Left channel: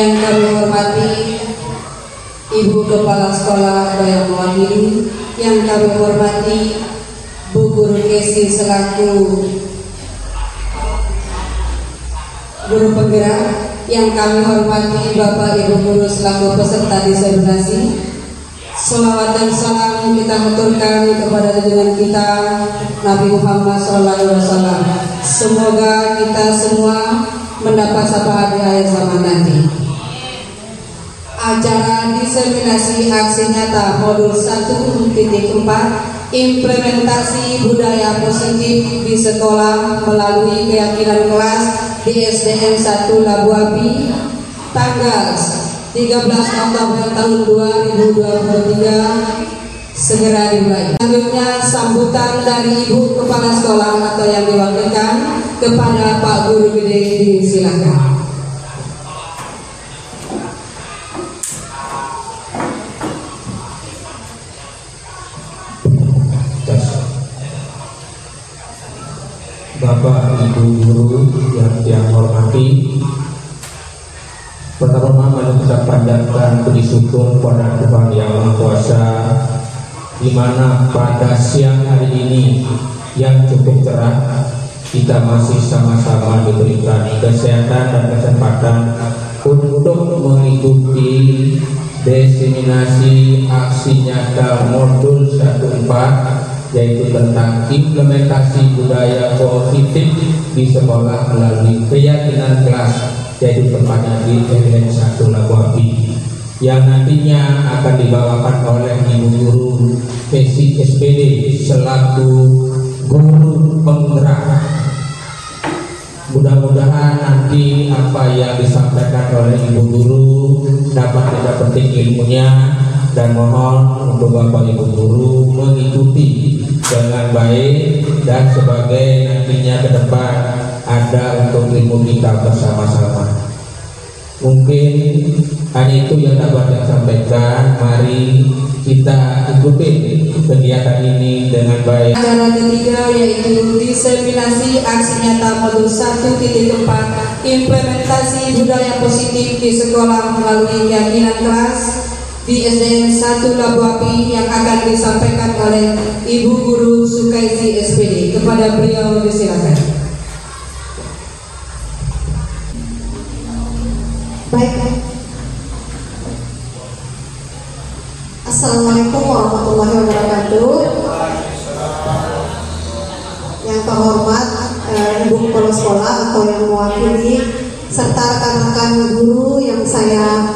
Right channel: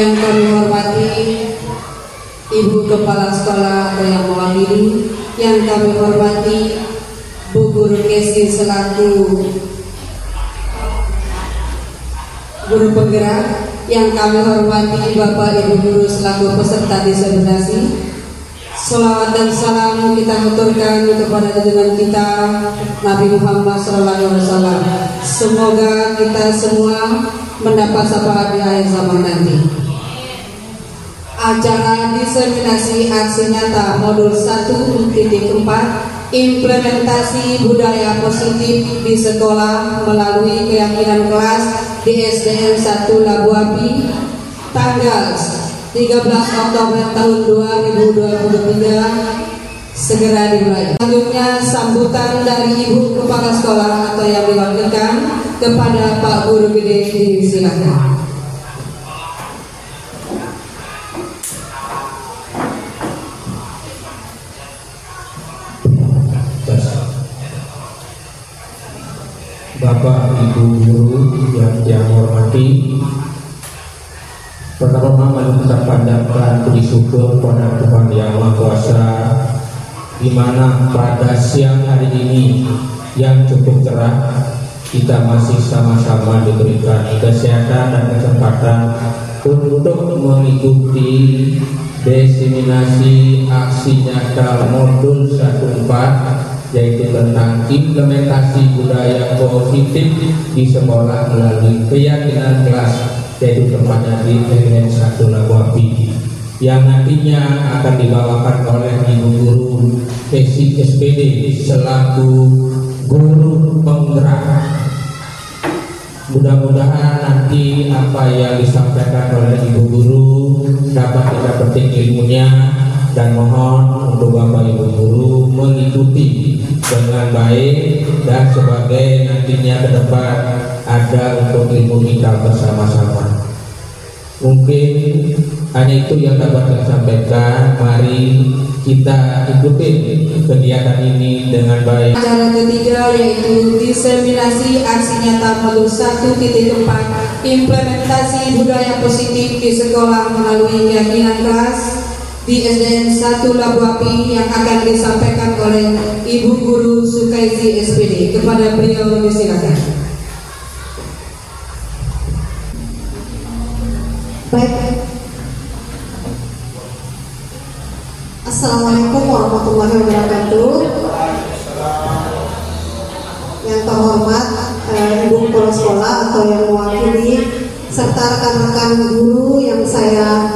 Yang kami hormati Ibu Kepala Sekolah atau yang mewakili, yang kami hormati Bu Guru Kesi selaku guru penggerak, yang kami hormati Bapak Ibu Guru selaku peserta disertasi. Selawat dan salam kita aturkan kepada junjungan kita Nabi Muhammad SAW. Semoga kita semua mendapat syafaat di akhir zaman nanti. Acara diseminasi aksi nyata modul 1.4 implementasi budaya positif di sekolah melalui keyakinan kelas di SDN 1 Labu Api tanggal 13 Oktober tahun 2023 segera dimulai. Selanjutnya sambutan dari Ibu Kepala Sekolah atau yang diwakilkan kepada Pak Guru Gede, disilakan. Bapak Ibu Guru yang saya hormati, pertama kali kita panjatkan puji syukur kepada Yang Maha Kuasa, di mana pada siang hari ini yang cukup cerah kita masih sama-sama diberikan kesehatan dan kesempatan untuk mengikuti diseminasi aksi nyata modul 1.4, yaitu tentang implementasi budaya positif di sekolah melalui keyakinan kelas, yaitu tepatnya di SDN 1 Labu Api, yang nantinya akan dibawakan oleh Ibu Guru Kesi SPD selaku guru penggerak. Mudah-mudahan nanti apa yang disampaikan oleh Ibu Guru dapat kita petik ilmunya, dan mohon untuk Bapak Ibu Guru mengikuti dengan baik, dan sebagai nantinya ke depan ada untuk ilmu kita bersama-sama. Mungkin hanya itu yang dapat saya sampaikan. Mari kita ikuti kegiatan ini dengan baik. Acara ketiga yaitu diseminasi aksi nyata modul 1.4 implementasi budaya positif di sekolah melalui keyakinan kelas di SDN 1 Labu Api, yang akan disampaikan oleh Ibu Guru Sukaizi SPD. Kepada beliau disilakan. Baik. Assalamualaikum warahmatullahi wabarakatuh. Yang terhormat Ibu Kepala Sekolah atau yang mewakili serta rekan-rekan guru yang saya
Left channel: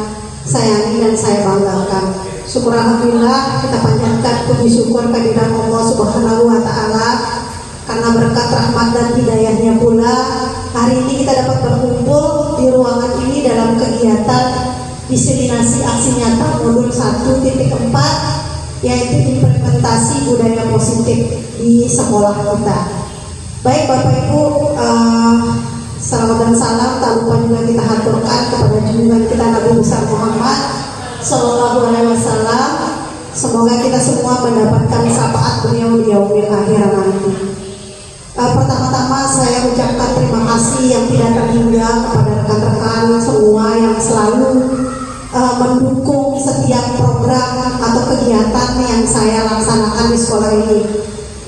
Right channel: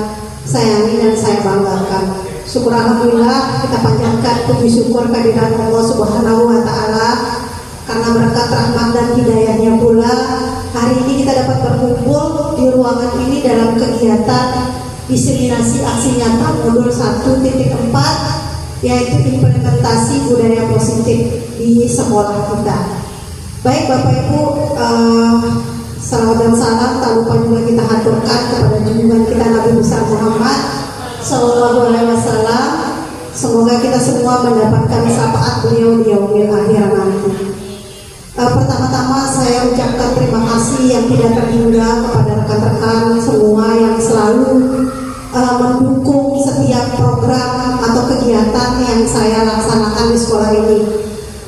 sayangi dan saya banggakan. Syukur alhamdulillah, kita panjatkan puji syukur kehadirat Allah Subhanahu wa taala, karena berkat rahmat dan hidayahnya pula hari ini kita dapat berkumpul di ruangan ini dalam kegiatan diseminasi aksi nyata modul 1.4, yaitu implementasi budaya positif di sekolah kita. Baik Bapak Ibu, salam dan salam tak lupa juga kita haturkan kepada junjungan kita Nabi besar Muhammad Sallallahu Alaihi Wasallam. Semoga kita semua mendapatkan syafaat beliau di yaumil akhir nanti. Pertama-tama saya ucapkan terima kasih yang tidak terhingga kepada rekan-rekan semua yang selalu mendukung setiap program atau kegiatan yang saya laksanakan di sekolah ini.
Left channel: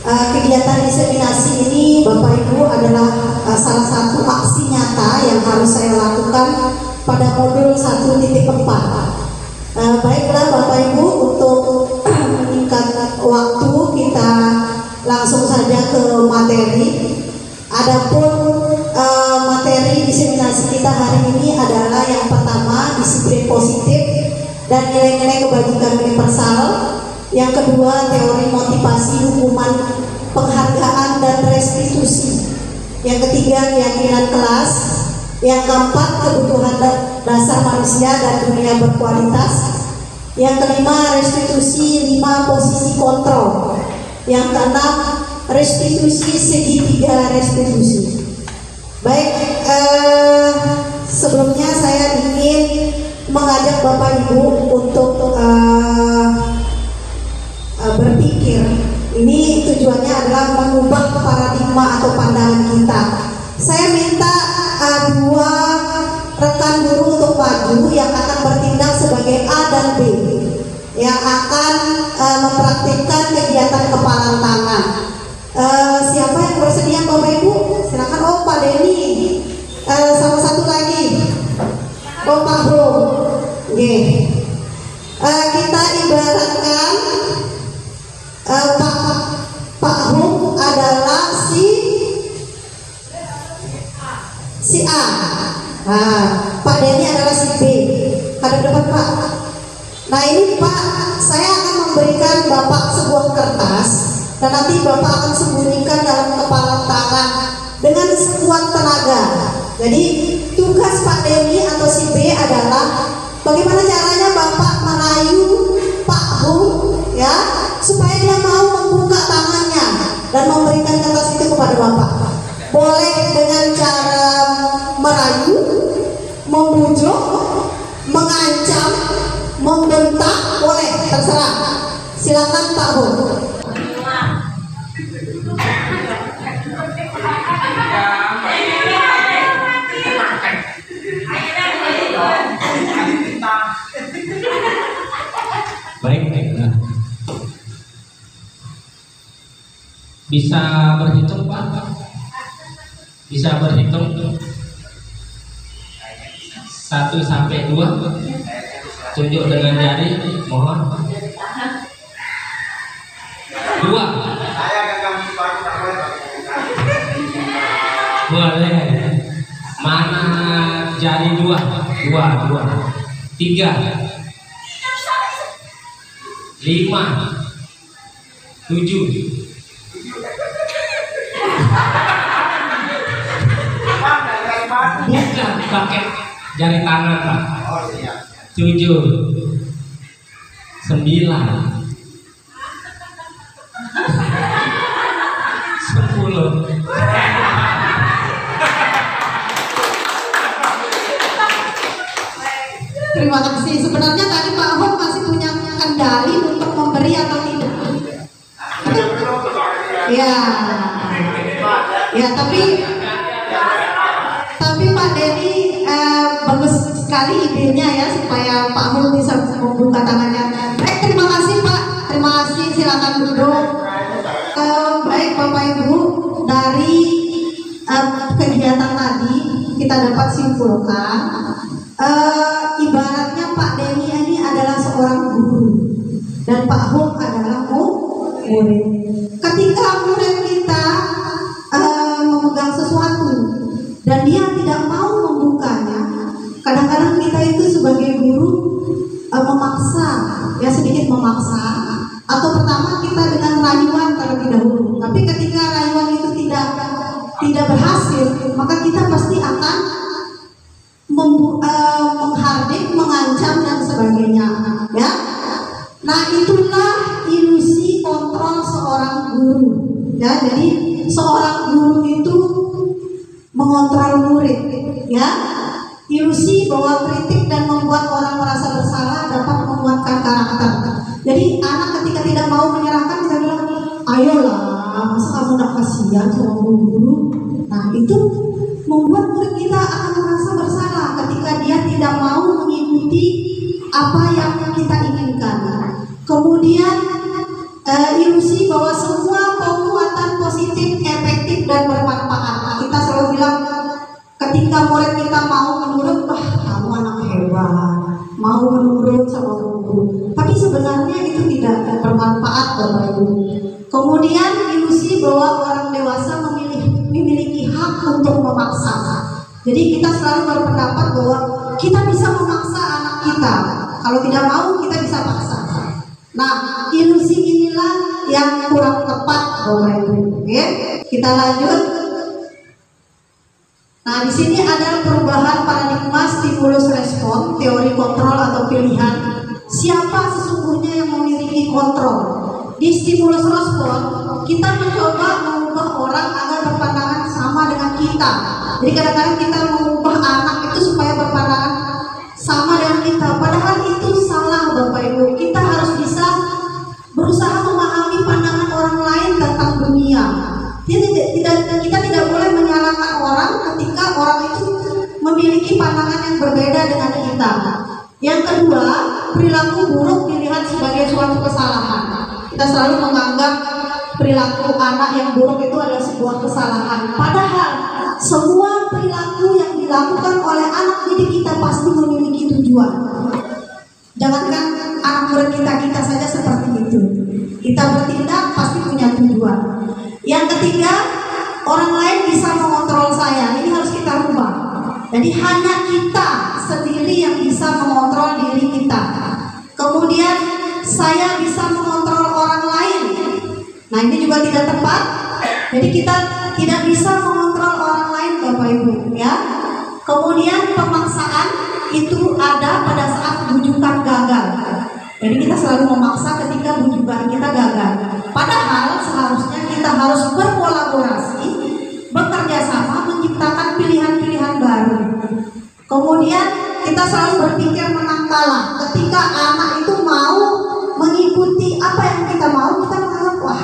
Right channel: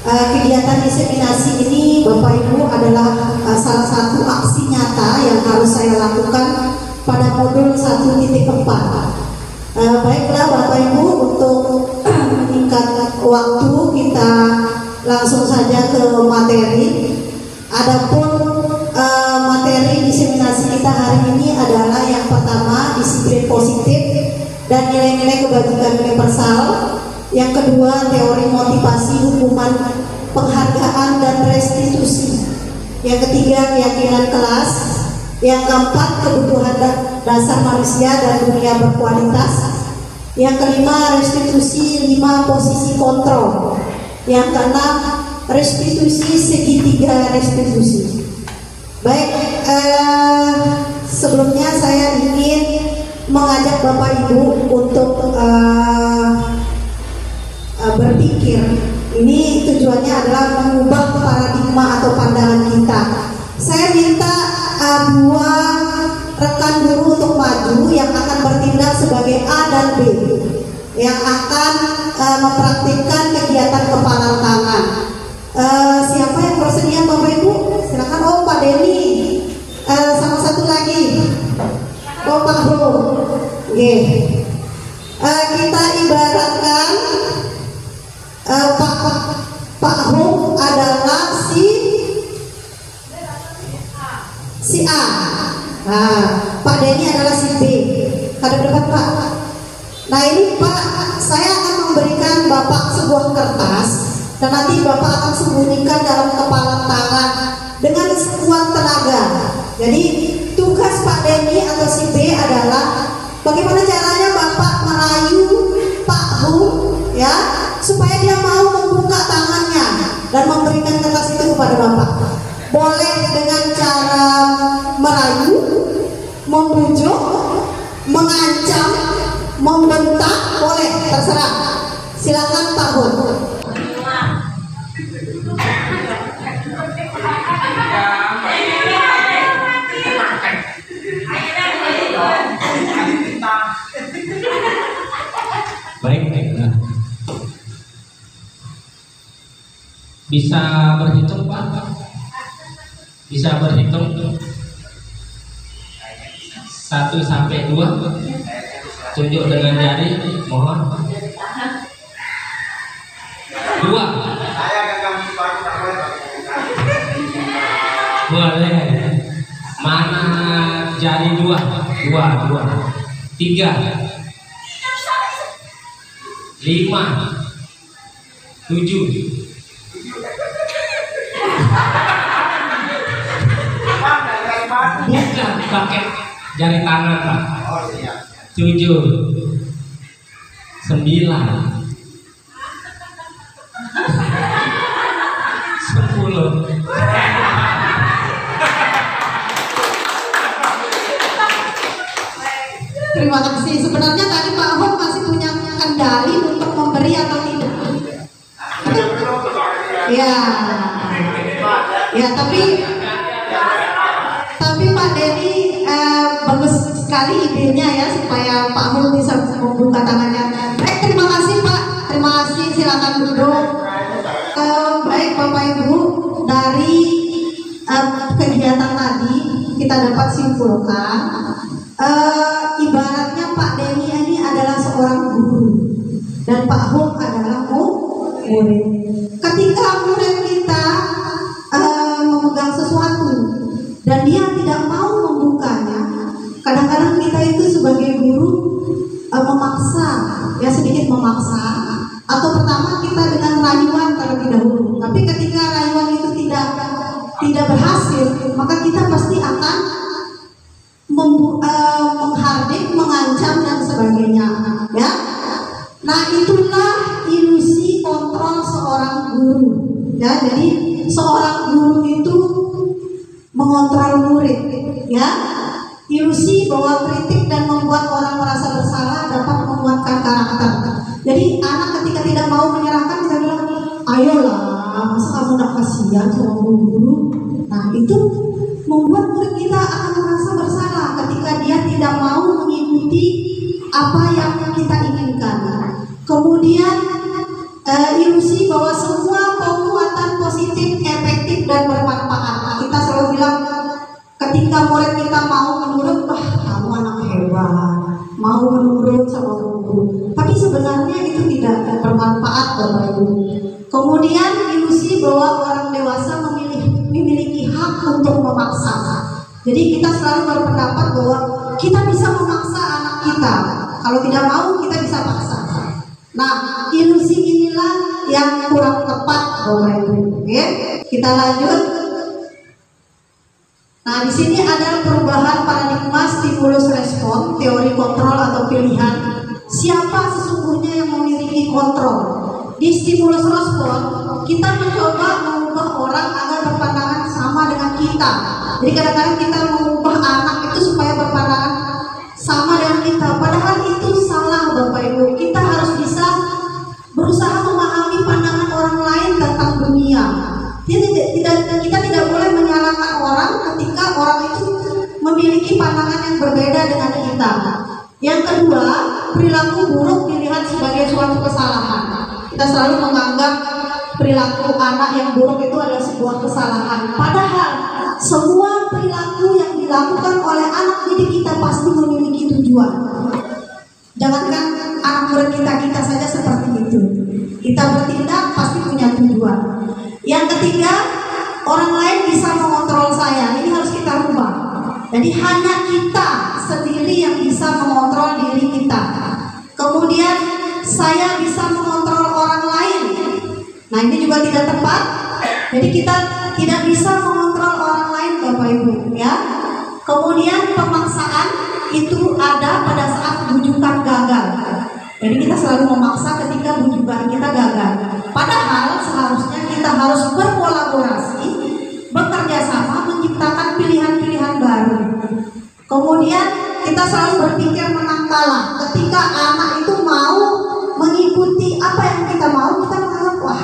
Kegiatan diseminasi ini Bapak Ibu adalah salah satu aksi nyata yang harus saya lakukan pada modul 1.4. Baiklah Bapak Ibu, untuk meningkat waktu kita langsung saja ke materi. Adapun materi diseminasi kita hari ini adalah yang pertama disiplin positif dan nilai-nilai kebajikan universal. Yang kedua teori motivasi, hukuman, penghargaan dan restitusi. Yang ketiga keyakinan kelas. Yang keempat kebutuhan dasar manusia dan dunia berkualitas. Yang kelima restitusi 5 posisi kontrol. Yang keenam restitusi segitiga restitusi. Baik, sebelumnya saya ingin mengajak Bapak Ibu untuk berpikir. Ini tujuannya adalah mengubah paradigma atau pandangan kita. Saya minta dua rekan guru untuk maju yang akan bertindak sebagai A dan B, yang akan mempraktikkan kegiatan kepalan tangan. Siapa yang bersedia Bapak Ibu? Silakan. Oh, Pak Denny. Sama satu lagi. Oh, Pak Bro. Kita ibaratkan Pak Bro adalah si A. Pak Denny adalah si B. Hadap depan Pak. Nah ini Pak, saya akan memberikan Bapak sebuah kertas dan nanti Bapak akan sembunyikan dalam kepalan tangan dengan sekuat tenaga. Jadi tugas Pak Denny atau si B adalah bagaimana caranya Bapak merayu Pak Bu, ya, supaya dia mau membuka tangannya dan memberikan kertas itu kepada Bapak. Boleh dengan cara merayu, membujuk, mengancam, membentak, boleh, terserah. Silakan Pak Bu. Baik. Bisa berhitung Pak? Bisa berhitung 1 sampai 2. Tunjuk dengan jari, mohon. 2. Boleh. Mana jari 2? 2. 3. 5. 7. Bukan pakai jari tangan Pak. 7. 9. 10. Terima kasih. Sebenarnya tadi Pak Ahok masih punya kendali untuk memberi atau tidak. Ya, tapi Pak Denny bagus sekali idenya ya supaya Pak Ahok bisa membuka tangannya. Baik, terima kasih Pak. Terima kasih. Silakan duduk. Baik Bapak Ibu, dari kegiatan tadi kita dapat simpulkan. Ibaratnya Pak Denny ini adalah seorang guru dan Pak Ahok adalah murid. Ketika murid kita memegang sesuatu dan dia tidak mau membukanya, kadang-kadang kita itu sebagai guru memaksa, ya sedikit memaksa, atau pertama kita dengan rayuan terlebih dahulu. Tapi ketika rayuan itu tidak berhasil, maka kita pasti akan menghardik, mengancam dan sebagainya, ya. Nah itulah ilusi kontrol seorang guru, ya. Jadi seorang guru itu mengontrol murid, ya. Ilusi bahwa kritik dan membuat orang merasa bersalah dapat menguatkan karakter. Jadi anak ketika tidak mau menyerahkan, kita bilang, ayolah, masa kamu tidak kasihan sama guru. Nah itu membuat murid kita akan merasa bersalah ketika dia tidak mau mengikuti apa yang kita inginkan. Kemudian ilusi bahwa semua penguatan positif, efektif dan bermanfaat. Kita selalu bilang ketika murid kita mau menurut, wah kamu anak hebat, mau menurut sama guru. Tapi sebenarnya itu tidak bermanfaat Bapak Ibu. Kemudian ilusi bahwa orang dewasa memiliki hak untuk memaksa. Jadi kita selalu berpendapat bahwa kita bisa memaksa anak kita. Kalau tidak mau kita bisa paksa. Nah, ilusi inilah yang kurang tepat Bapak Ibu. Oke, kita lanjut. Nah, di sini ada perubahan paradigma stimulus respon, teori kontrol atau pilihan. Siapa sesungguhnya yang memiliki kontrol? Di stimulus respon, kita mencoba mengubah orang agar berpandangan sama dengan kita. Jadi kadang-kadang kita mengubah anak itu supaya berpandangan sama dengan kita. Padahal itu salah Bapak Ibu. Kita harus bisa berusaha memahami pandangan orang lain tentang dunia. Kita tidak boleh menyalahkan orang ketika orang itu memiliki memiliki pandangan yang berbeda dengan kita. Yang kedua, perilaku buruk dilihat sebagai suatu kesalahan. Kita selalu menganggap perilaku anak yang buruk itu adalah sebuah kesalahan. Padahal semua perilaku yang dilakukan oleh anak didik kita pasti memiliki tujuan. Jangankan anak murid kita saja seperti itu. Kita bertindak pasti punya tujuan. Yang ketiga, orang lain bisa mengontrol saya. Ini harus kita rubah. Jadi hanya kita sendiri yang bisa mengontrol diri kita. Kemudian saya bisa mengontrol orang lain. Nah, ini juga tidak tepat. Jadi kita tidak bisa mengontrol orang lain, Bapak Ibu, ya. Kemudian pemaksaan itu ada pada saat bujukan gagal. Jadi kita selalu memaksa ketika bujukan kita gagal. Padahal seharusnya kita harus berkolaborasi, bekerja sama, menciptakan pilihan-pilihan baru. Kemudian kita selalu berpikir menang kalah. Ketika anak itu mau mengikuti apa yang kita mau, kita menganggap wah,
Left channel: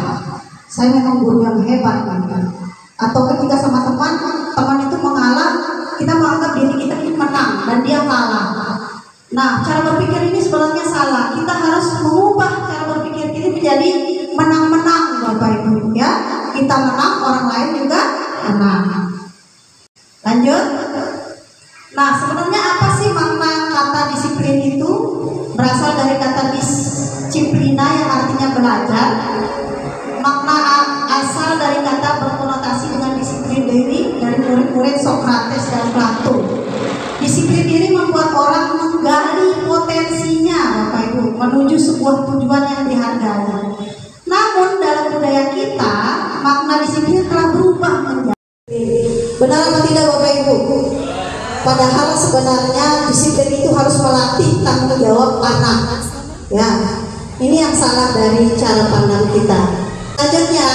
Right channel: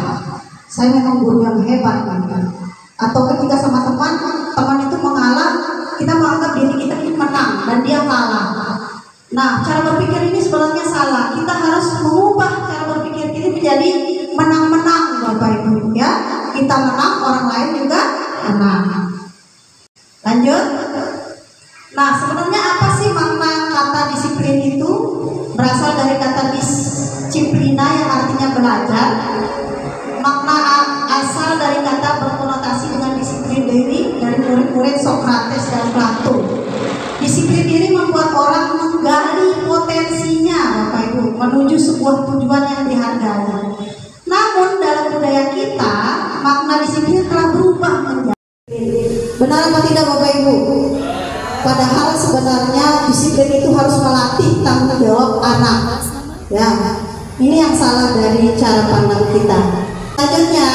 saya memang guru yang hebat kan. Atau ketika sama teman itu mengalah, kita menganggap diri kita ini menang dan dia kalah. Nah, cara berpikir ini sebenarnya salah. Kita harus mengubah cara berpikir ini menjadi menang-menang, Bapak Ibu, ya. Kita menang, orang lain juga menang. Lanjut. Nah, sebenarnya apa sih makna kata disiplin itu? Berasal dari kata disiplina yang artinya belajar. Makna asal dari kata berkonotasi dengan disiplin diri dari murid-murid Sokrates dan Plato. Disiplin diri membuat orang menggali potensinya, Bapak Ibu, menuju sebuah tujuan yang dihargai. Namun dalam budaya kita, makna disiplin telah berubah menjadi. Benar atau tidak, Bapak Ibu? Padahal sebenarnya disiplin itu harus melatih tanggung jawab anak. Ya, ini yang salah dari cara pandang kita. Selanjutnya,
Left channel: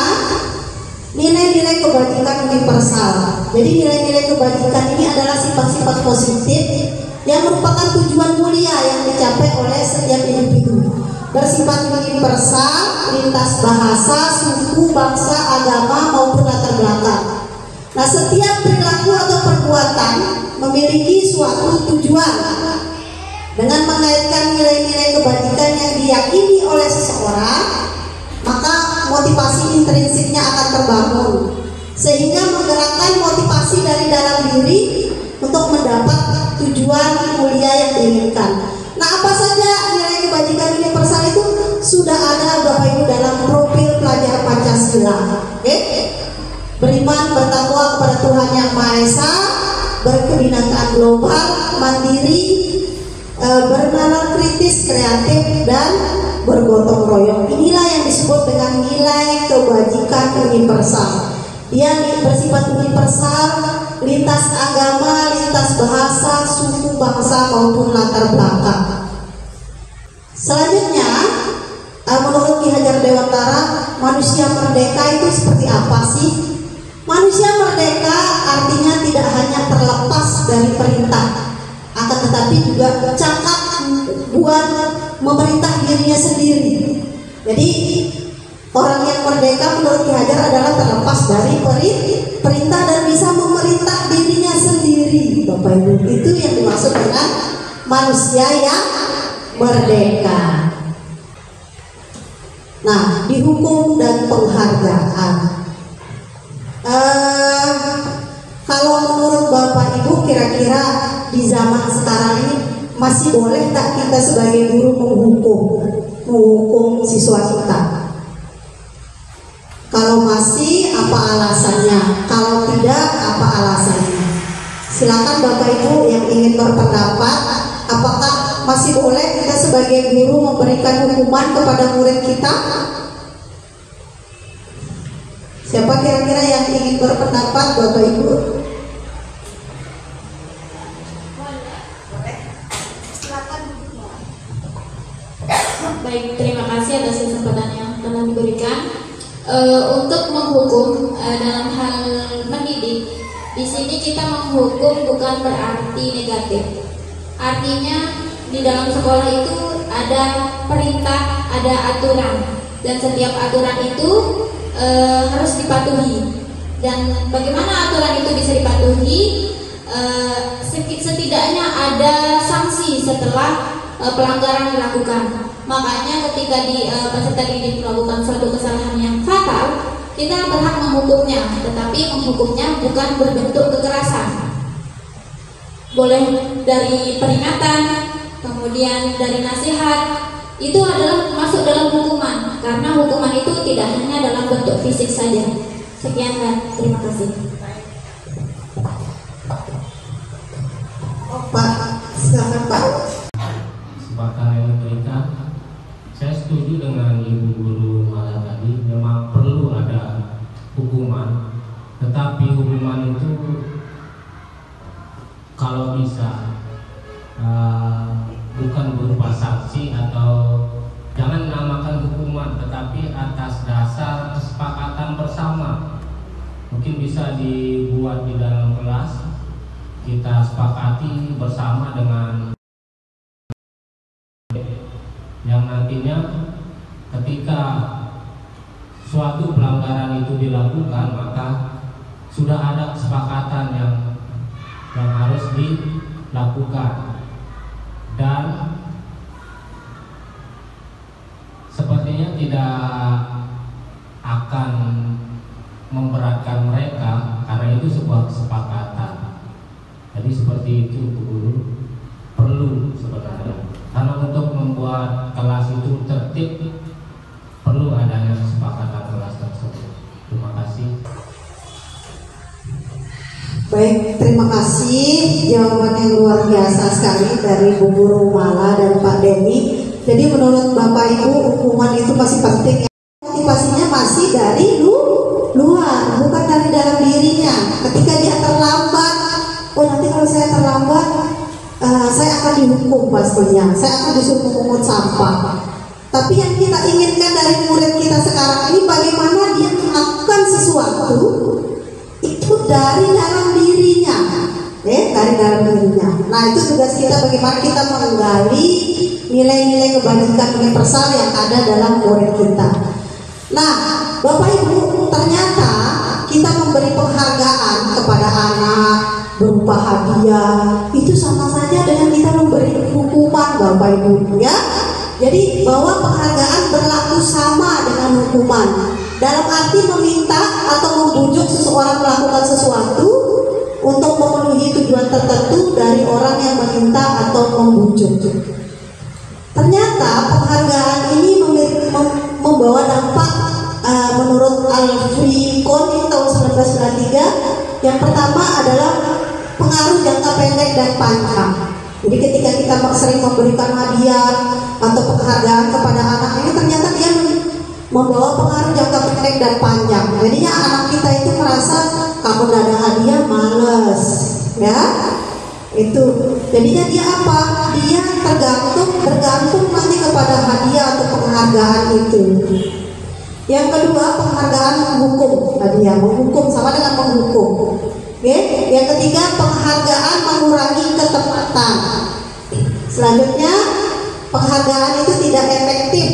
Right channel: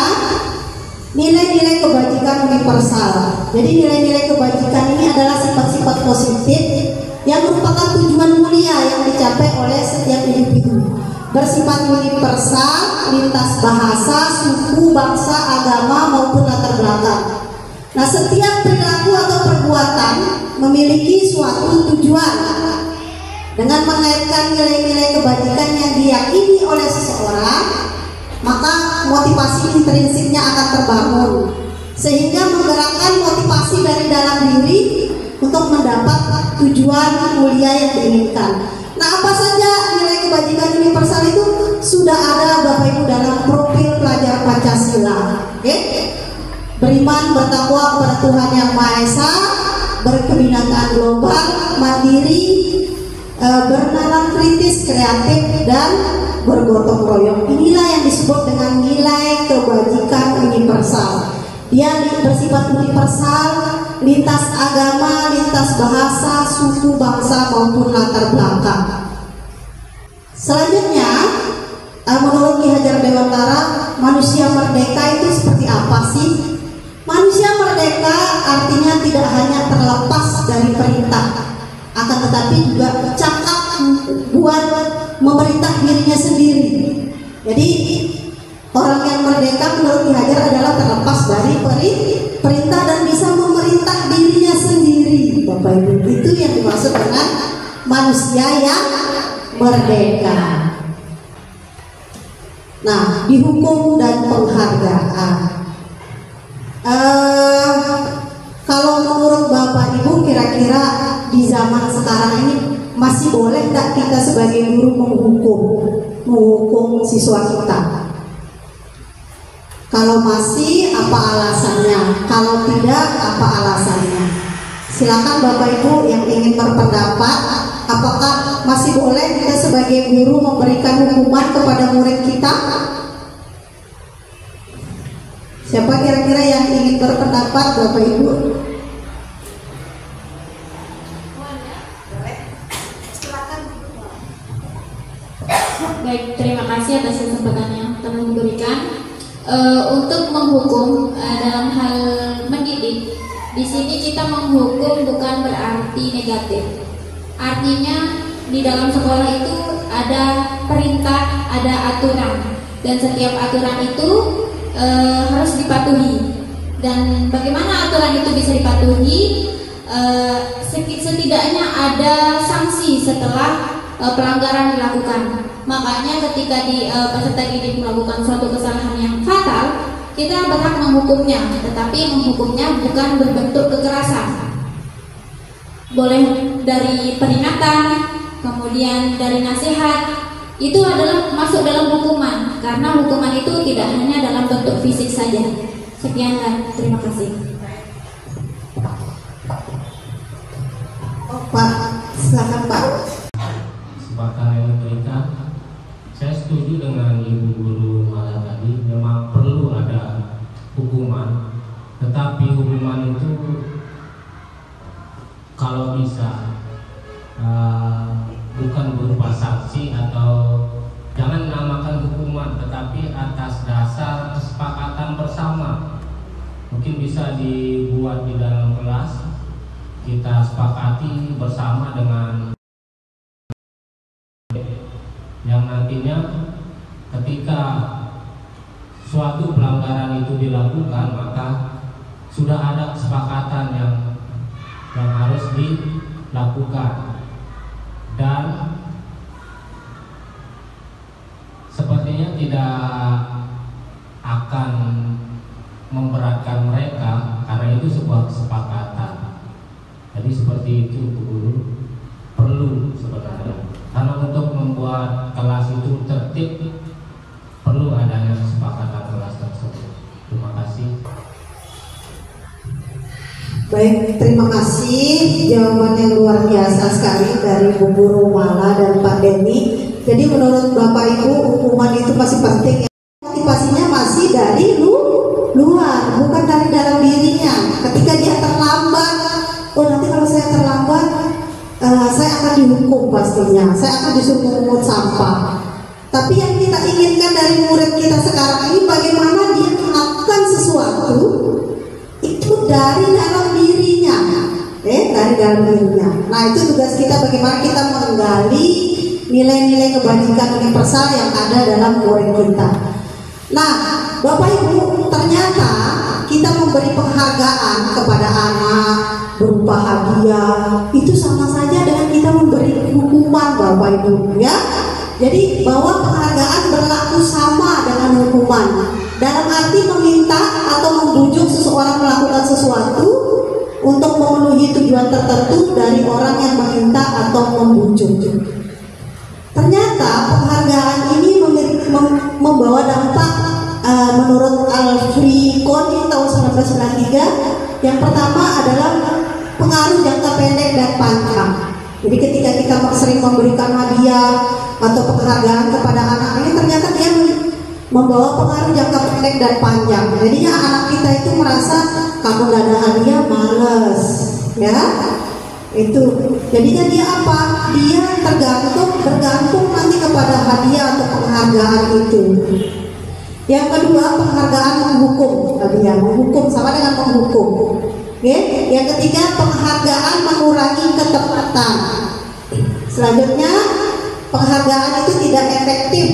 nilai-nilai kebajikan universal. Jadi nilai-nilai kebajikan ini adalah sifat-sifat positif yang merupakan tujuan mulia yang dicapai oleh setiap individu. Bersifat universal, lintas bahasa, suku, bangsa, agama maupun latar belakang. Nah, setiap perilaku atau perbuatan memiliki suatu tujuan. Dengan mengaitkan nilai-nilai kebajikan yang diyakini oleh seseorang, maka motivasi intrinsiknya akan terbangun, sehingga menggerakkan motivasi dari dalam diri untuk mendapat tujuan mulia yang diinginkan. Nah, apa saja nilai kebajikan universal itu sudah ada, Bapak Ibu, dalam profil pelajar Pancasila. Beriman, bertakwa kepada Tuhan Yang Maha Esa, berkebinekaan global, mandiri, bernalar kritis, kreatif, dan bergotong royong. Inilah yang disebut dengan nilai kebajikan universal. Dia bersifat universal, lintas agama, lintas bahasa, suku, bangsa maupun latar belakang. Selanjutnya, menurut Ki Hajar Dewantara, manusia merdeka itu seperti apa sih? Manusia merdeka artinya tidak hanya terlepas dari perintah, akan tetapi juga cakap buat memerintah dirinya sendiri. Jadi orang yang merdeka menurut Ki Hajar adalah terlepas dari perintah dan bisa memerintah dirinya sendiri, Bapak Ibu. Itu yang dimaksud dengan manusia yang merdeka. Nah, di hukum dan penghargaan, kalau menurut Bapak Ibu, kira-kira di zaman sekarang ini masih boleh tak kita sebagai guru menghukum siswa kita? Kalau masih, apa alasannya? Kalau tidak, apa alasannya? Silakan Bapak Ibu yang ingin berpendapat, apakah masih boleh kita sebagai guru memberikan hukuman kepada murid kita? Siapa kira-kira yang ingin berpendapat, Bapak Ibu? Baik, terima kasih atas kesempatan yang telah diberikan. Untuk menghukum dalam hal mendidik, di sini kita menghukum bukan berarti negatif. Artinya di dalam sekolah itu ada perintah, ada aturan, dan setiap aturan itu harus dipatuhi. Dan bagaimana aturan itu bisa dipatuhi? Setidaknya setidaknya ada sanksi setelah pelanggaran dilakukan. Makanya ketika peserta didik melakukan suatu kesalahan yang fatal, kita berhak menghukumnya, tetapi menghukumnya bukan berbentuk kekerasan. Boleh dari peringatan, kemudian dari nasihat, itu adalah masuk dalam hukuman, karena hukuman itu tidak hanya dalam bentuk fisik saja. Sekian dan terima kasih. Pak, silakan Pak. Kesempatan yang diberikan, saya setuju dengan Ibu Guru Mala tadi, memang perlu ada hukuman, tetapi hukuman itu kalau bisa bukan berupa sanksi atau jangan namakan hukuman, tetapi atas dasar kesepakatan bersama. Mungkin bisa dibuat di dalam kelas, kita sepakati bersama dengan yang nantinya ketika suatu pelanggaran itu dilakukan, maka sudah ada kesepakatan yang harus dilakukan, dan sepertinya tidak akan memberatkan mereka karena itu sebuah kesepakatan. Jadi seperti itu Bu Guru, perlu sebenarnya, karena untuk membuat kelas itu tertib perlu adanya kesepakatan kelas tersebut. Terima kasih. Baik, terima kasih, jawaban yang luar biasa sekali dari Bu Guru Mala dan Pak Denny. Jadi menurut Bapak Ibu, hukuman itu masih penting. Motivasinya masih dari luar, bukan dari dalam dirinya. Ketika dia terlambat, oh nanti kalau saya terlambat, saya akan dihukum pastinya, saya akan disuruh mengumpul sampah. Tapi yang kita inginkan dari murid kita sekarang ini, bagaimana dia melakukan sesuatu itu dari dalam dirinya, dari dalam dirinya. Nah, itu tugas kita, bagaimana kita menggali nilai-nilai kebaikan universal yang ada dalam murid kita. Nah, Bapak Ibu, ternyata kita memberi penghargaan kepada anak berupa hadiah, itu sama saja dengan kita memberi hukuman, Bapak Ibu, ya. Jadi bahwa penghargaan berlaku sama dengan hukuman, dalam arti meminta atau membujuk seseorang melakukan sesuatu untuk memenuhi tujuan tertentu dari orang yang meminta atau membujuk. Ternyata penghargaan ini membawa dampak menurut Alfred Kohn tahun 1993. Yang pertama adalah pengaruh jangka pendek dan panjang. Jadi ketika kita sering memberikan hadiah atau penghargaan kepada anak ini, ternyata dia membawa pengaruh jangka pendek dan panjang. Jadinya anak kita itu merasa kalau nggak ada hadiah males, ya. Itu jadinya dia apa? Dia tergantung nanti kepada hadiah atau penghargaan itu. Yang kedua, penghargaan menghukum. Tadi ya, menghukum sama dengan menghukum. Oke. Yang ketiga, penghargaan mengurangi ketepatan. Selanjutnya, penghargaan itu tidak efektif.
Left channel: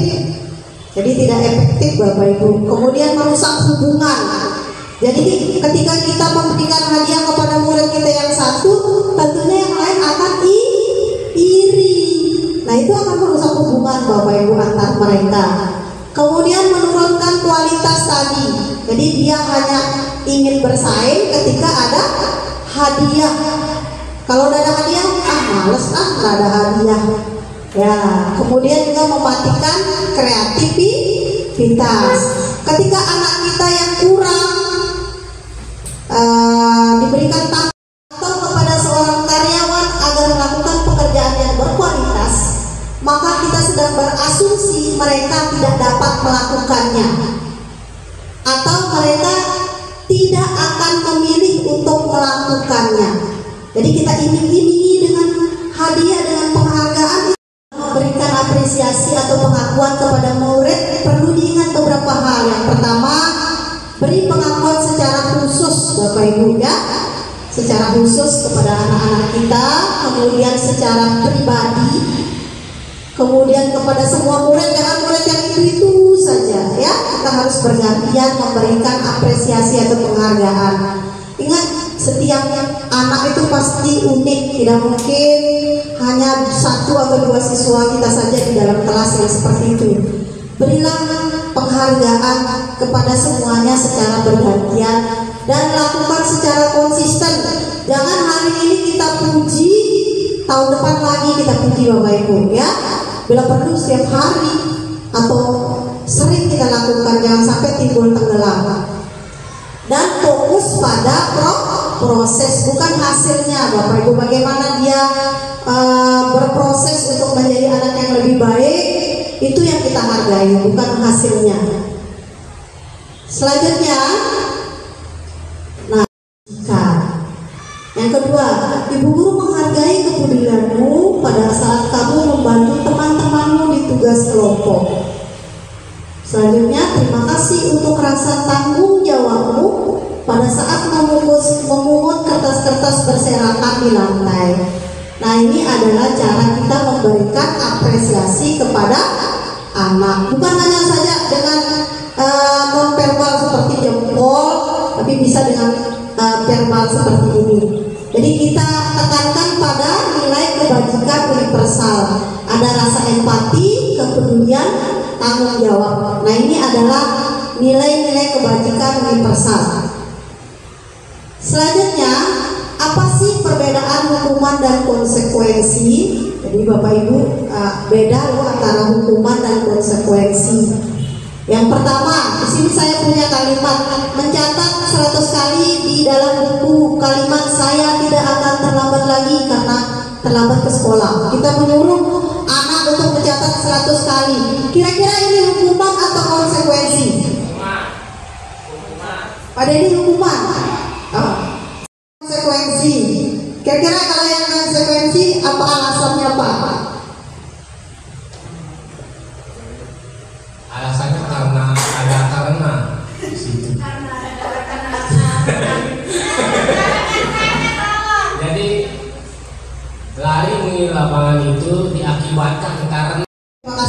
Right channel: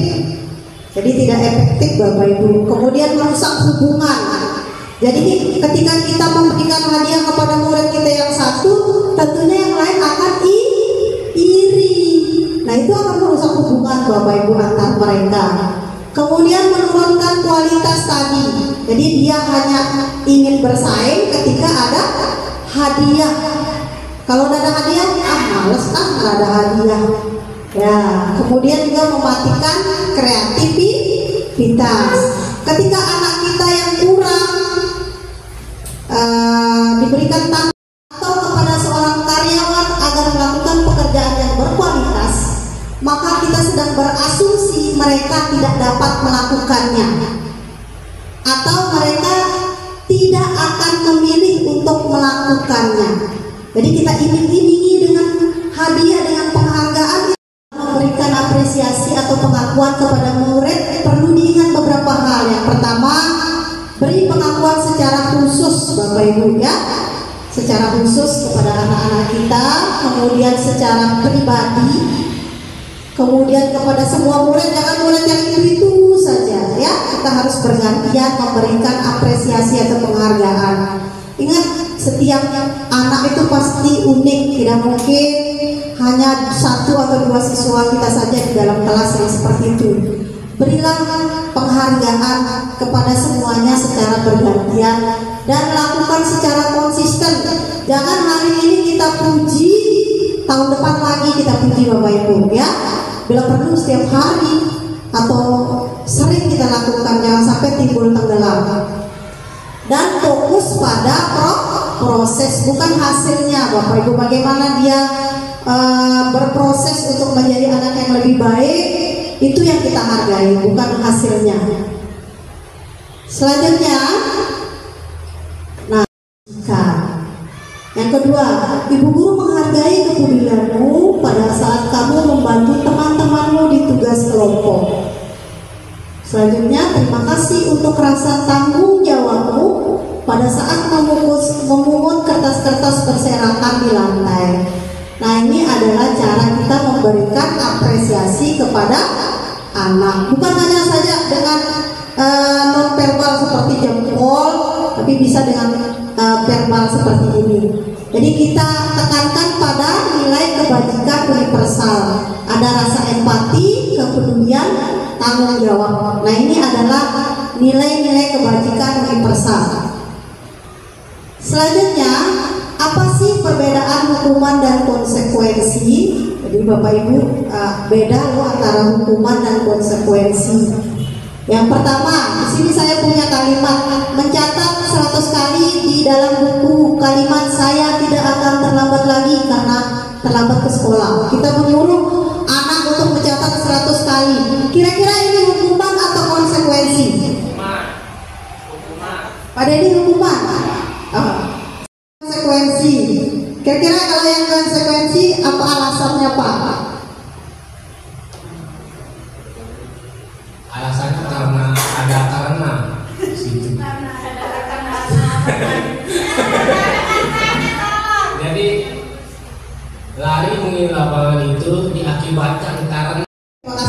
Jadi tidak efektif, Bapak Ibu. Kemudian merusak hubungan. Jadi ketika kita memberikan hadiah kepada murid kita yang satu, tentunya yang lain akan iri. Nah, itu akan merusak hubungan, Bapak Ibu, antar mereka. Kemudian menurunkan kualitas tadi. Jadi dia hanya ingin bersaing ketika ada hadiah. Kalau tidak ada hadiah, males nggak ada hadiah. Ya, kemudian juga mematikan kreativitas. Ketika anak kita yang kurang diberikan tantangan atau kepada seorang karyawan agar melakukan pekerjaan yang berkualitas, maka kita sedang berasumsi mereka tidak dapat melakukannya, atau mereka tidak akan memilih untuk melakukannya. Jadi kita iming-imingi dengan hadiah, dengan penghargaan, memberikan apresiasi atau pengakuan kepada murid. Perlu diingat beberapa hal. Yang pertama, beri pengakuan secara khusus, Bapak Ibu, ya, secara khusus kepada anak-anak kita. Kemudian secara pribadi, kemudian kepada semua murid, jangan murid yang itu saja, ya. Kita harus bergantian memberikan apresiasi atau penghargaan. Ingat, setiap anak itu pasti pasti unik, tidak mungkin hanya 1 atau 2 siswa kita saja di dalam kelas yang seperti itu. Berilah penghargaan kepada semuanya secara bergantian dan lakukan secara konsisten. Jangan hari ini kita puji, tahun depan lagi kita puji Bapak Ibu ya. Bila perlu setiap hari atau sering kita lakukan, jangan sampai timbul tenggelam. Dan fokus pada proses, bukan hasilnya Bapak Ibu. Bagaimana dia berproses untuk menjadi anak yang lebih baik, itu yang kita hargai, bukan hasilnya. Selanjutnya, nah, yang kedua, ibu guru menghargai kepedulianmu pada saat kamu membantu teman-temanmu di tugas kelompok. Selanjutnya, terima kasih untuk rasa tanggung jawabmu pada saat memungut kertas-kertas berserakan di lantai. Nah, ini adalah cara kita memberikan apresiasi kepada anak. Bukan hanya saja dengan non-verbal seperti jempol, tapi bisa dengan verbal seperti ini. Jadi kita tekankan pada nilai kebajikan universal. Ada rasa empati, kepedulian, tanggung jawab. Nah, ini adalah nilai-nilai kebajikan universal. Selanjutnya, apa sih perbedaan hukuman dan konsekuensi? Jadi Bapak Ibu, beda loh antara hukuman dan konsekuensi. Yang pertama, di sini saya punya kalimat, mencatat 100 kali di dalam buku kalimat saya tidak akan terlambat lagi karena terlambat ke sekolah. Kita menyuruh anak untuk mencatat 100 kali. Kira-kira ini hukuman atau konsekuensi? Pada ini hukuman. Konsekuensi. Kira-kira kalau yang konsekuensi apa alasannya Pak? Alasannya karena ada karena. Jadi lari mengingat lapangan itu diakibatkan karena.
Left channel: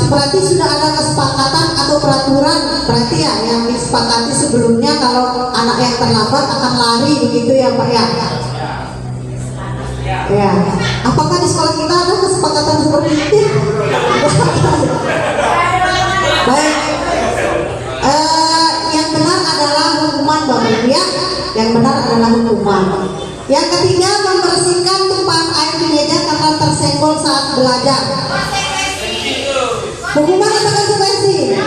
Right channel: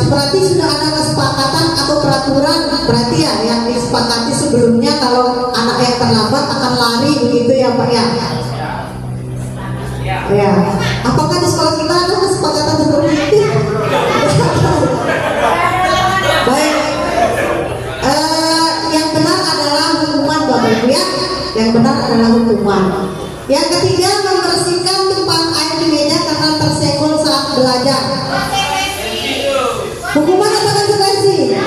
Berarti sudah ada kesepakatan atau peraturan, berarti ya yang disepakati sebelumnya kalau anak yang terlambat akan lari begitu ya Pak ya? Ya. Apakah di sekolah kita ada kesepakatan seperti itu? Baik. Yang benar adalah hukuman Bapak Ibu ya. Yang benar adalah hukuman. Yang ketiga, membersihkan tumpahan air di meja karena tersenggol saat belajar. Hukuman atau konsekuensi?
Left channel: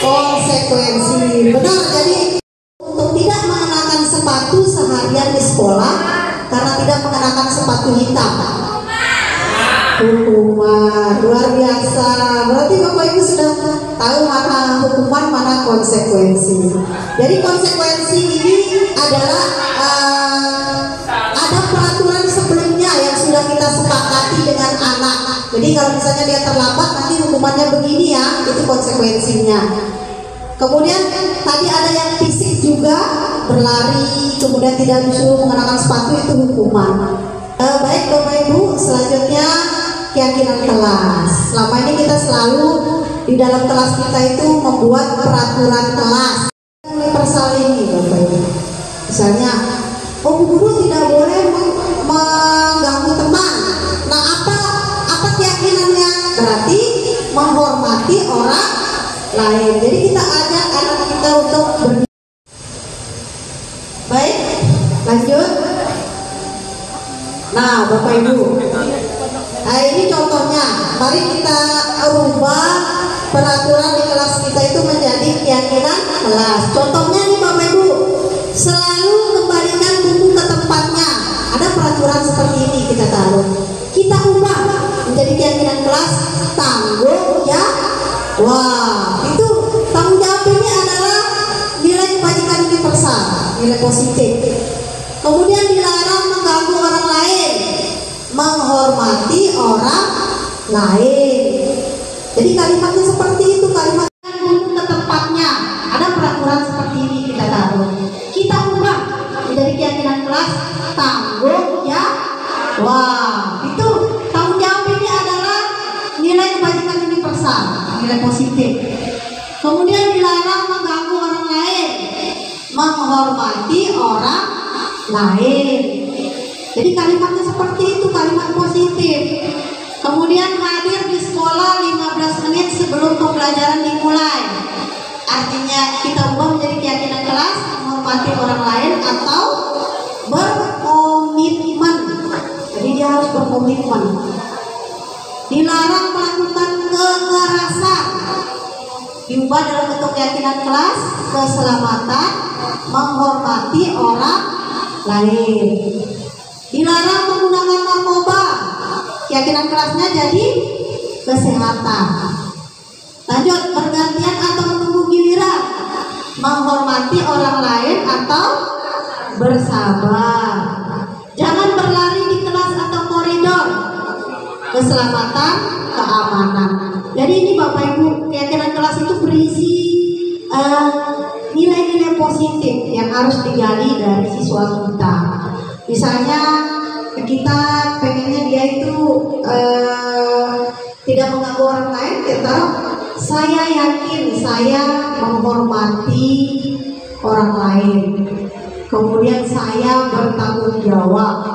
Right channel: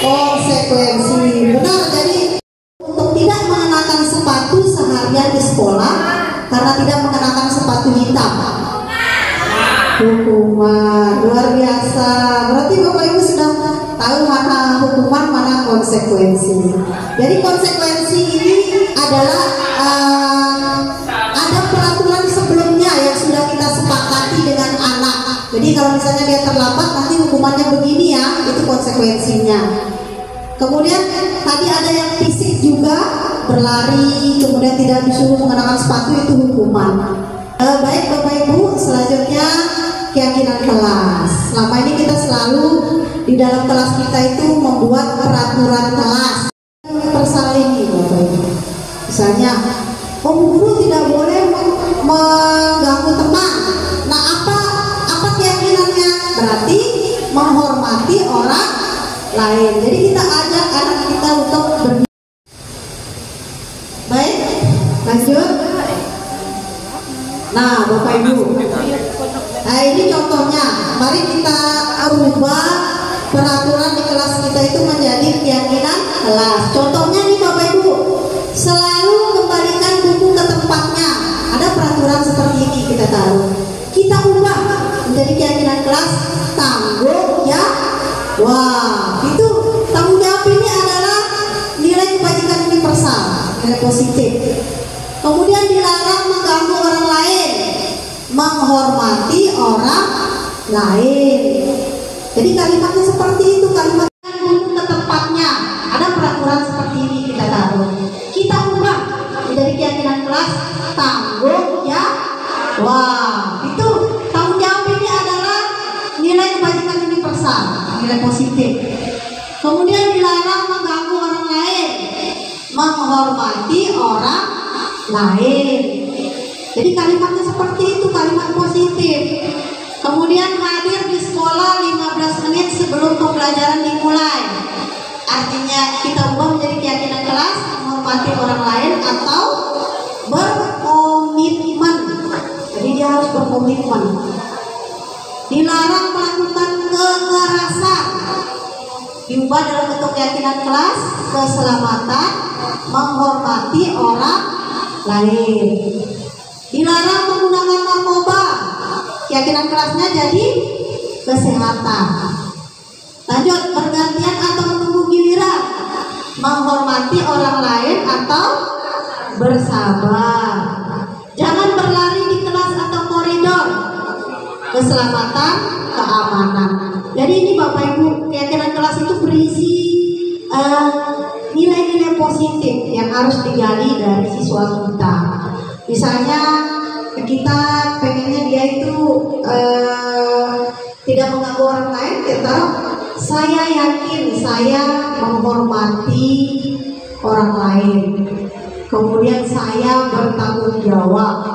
Konsekuensi. Benar. Jadi untuk tidak mengenakan sepatu seharian di sekolah karena tidak mengenakan sepatu hitam. Hukuman. Luar biasa. Berarti Bapak Ibu sudah tahu mana hukuman, mana konsekuensi. Jadi konsekuensi ini adalah ada peraturan sebelumnya yang sudah kita sepakati dengan anak. Jadi kalau misalnya dia terlambat, nanti hukumannya begini ya, itu konsekuensinya. Kemudian tadi ada yang fisik juga, berlari, kemudian tidak disuruh mengenakan sepatu, itu hukuman. Baik Bapak Ibu, selanjutnya keyakinan kelas. Selama ini kita selalu di dalam kelas kita itu membuat peraturan kelas universal ini Bapak Ibu. Misalnya, guru tidak boleh mengganggu teman. Nah, apa keyakinannya? Berarti menghormati orang lain. Jadi kita ajak anak kita untuk baik, lanjut. Nah, Bapak Ibu, nah ini contohnya. Mari kita rubah peraturan di kelas kita itu menjadi keyakinan kelas. Contohnya nih Bapak Ibu, selalu kembalikan buku ke tempatnya. Ada peraturan seperti ini kita taruh. Kita ubah menjadi keyakinan kelas tanggung jawab. Wah, itu tanggung jawab ini adalah nilai kebajikan universal, nilai positif. Kemudian dilarang mengganggu orang lain, menghormati orang lain. Jadi kalimatnya seperti itu, kalimat buku ke tempatnya. Ada peraturan seperti ini kita taruh. Kita ubah menjadi keyakinan kelas tanggung jawab. Wah, itu tanggung jawab ini adalah nilai kebajikan universal, nilai positif. Kemudian dilarang mengganggu orang lain, menghormati orang lain. Jadi Jadi kalimatnya seperti itu, kalimat positif. Kemudian hadir di sekolah 15 menit sebelum pembelajaran dimulai. Artinya kita ubah menjadi keyakinan kelas, menghormati orang lain atau berkomitmen. Jadi dia harus berkomitmen. Dilarang melakukan kekerasan. Diubah dalam bentuk keyakinan kelas, keselamatan, menghormati orang lain. Dilarang menggunakan narkoba. Keyakinan kelasnya jadi kesehatan. Lanjut, bergantian atau menunggu giliran, menghormati orang lain atau bersabar. Jangan berlari di kelas atau koridor. Keselamatan, keamanan. Jadi ini Bapak Ibu, keyakinan kelas itu berisi nilai-nilai positif yang harus digali dari siswa kita. Misalnya kita pengennya dia itu tidak mengganggu orang lain, kita saya yakin saya menghormati orang lain. Kemudian saya bertanggung jawab.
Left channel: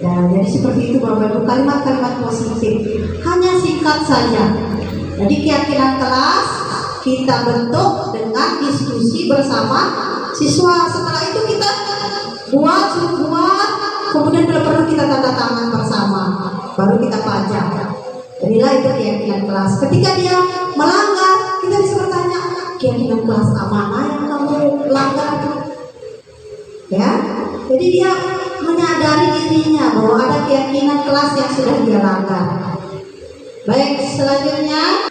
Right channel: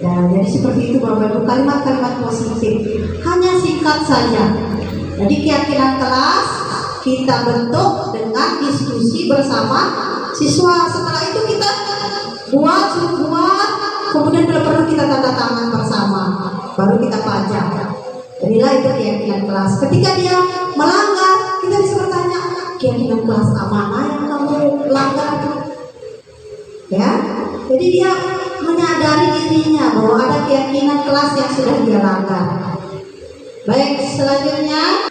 Ya, jadi seperti itu Bapak Ibu, kalimat-kalimat positif. Hanya singkat saja. Jadi keyakinan kelas kita bentuk dengan diskusi bersama siswa. Setelah itu kita buat, kemudian bila perlu kita tanda tangan bersama, baru kita pajak. Jadilah itu keyakinan kelas. Ketika dia melanggar, kita bisa bertanya, keyakinan kelas mana yang kamu langgar? Ya, jadi dia menyadari dirinya bahwa ada keyakinan kelas yang sudah dia langgar. Baik, selanjutnya,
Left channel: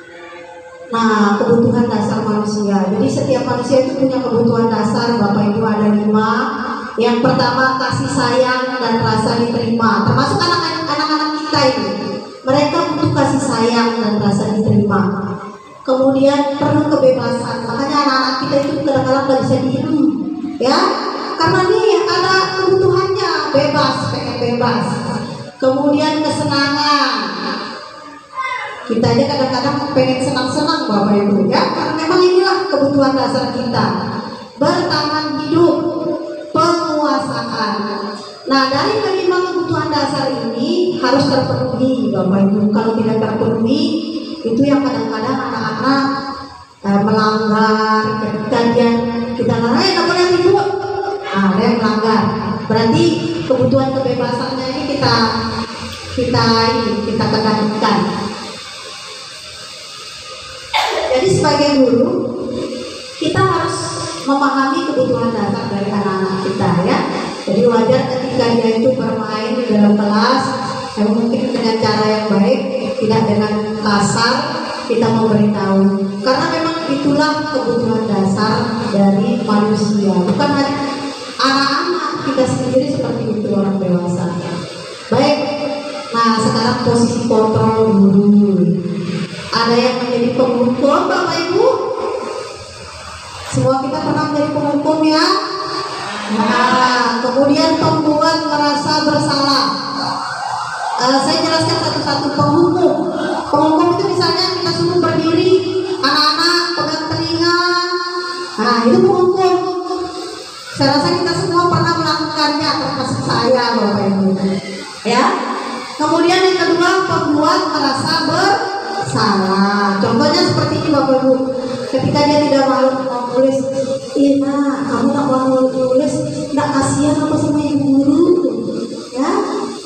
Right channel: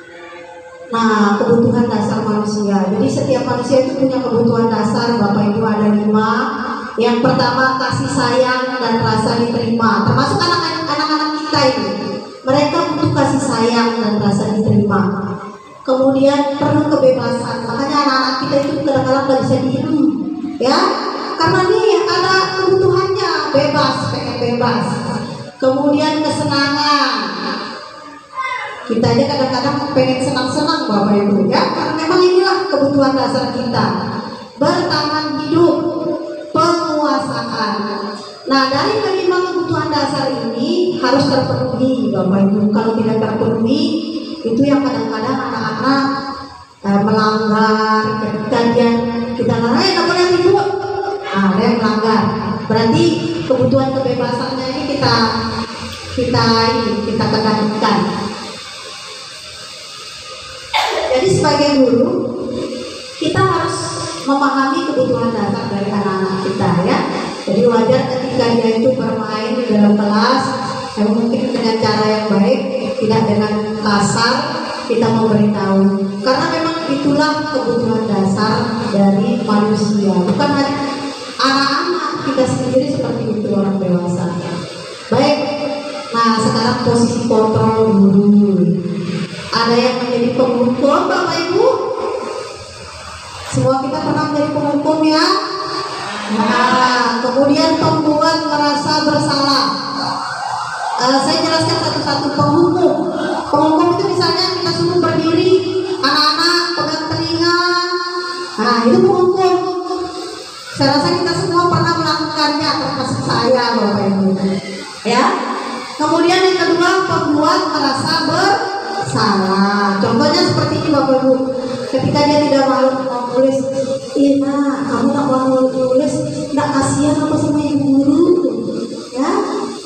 nah, kebutuhan dasar manusia. Jadi setiap manusia itu punya kebutuhan dasar. Bapak Ibu, ada 5. Yang pertama, kasih sayang dan rasa diterima. Termasuk anak-anak kita ini, mereka butuh kasih sayang dan rasa diterima. Kemudian perlu kebebasan. Makanya anak-anak kita itu kadang-kadang nggak bisa diem, ya, karena dia ada kebutuhannya, bebas, pengen bebas. Kemudian kesenangan. Kita aja kadang-kadang pengen senang-senang Bapak Ibu, ya, karena memang inilah kebutuhan dasar kita. Bertahan hidup, penguasaan. Nah, dari kelima kebutuhan dasar ini harus terpenuhi Bapak Ibu. Kalau tidak terpenuhi, itu yang kadang-kadang anak-anak melanggar. Ketika kita larang, tidak boleh ribut, nah, ada yang melanggar. Berarti kebutuhan kebebasannya ini kita kendalikan. Jadi sebagai guru, kita harus memahami kebutuhan dasar dari anak-anak kita, ya. Jadi wajar ketika dia itu bermain di dalam kelas, yang mungkin dengan cara yang baik, tidak dengan kasar, kita memberitahu. Karena memang itulah kebutuhan dasar dari manusia. Bukan hanya anak-anak, kita sendiri seperti itu, orang dewasa. Baik, nah sekarang posisi kontrol guru. Ada yang menjadi penghukum Bapak Ibu? Semua kita pernah menjadi penghukum, ya. Nah, kemudian pembuat merasa bersalah. Saya jelaskan satu-satu penghukum. Penghukum itu misalnya kita suruh berdiri, anak-anak pegang telinga. Nah, itu penghukum. Saya rasa kita semua pernah melakukannya, termasuk saya Bapak Ibu. Ya. Kemudian yang kedua, pembuat merasa bersalah. Contohnya seperti ini Bapak Ibu. Ketika dia tidak mau menulis, Ina, kamu tak mau menulis, tidak kasihan apa sama ibu guru, ya?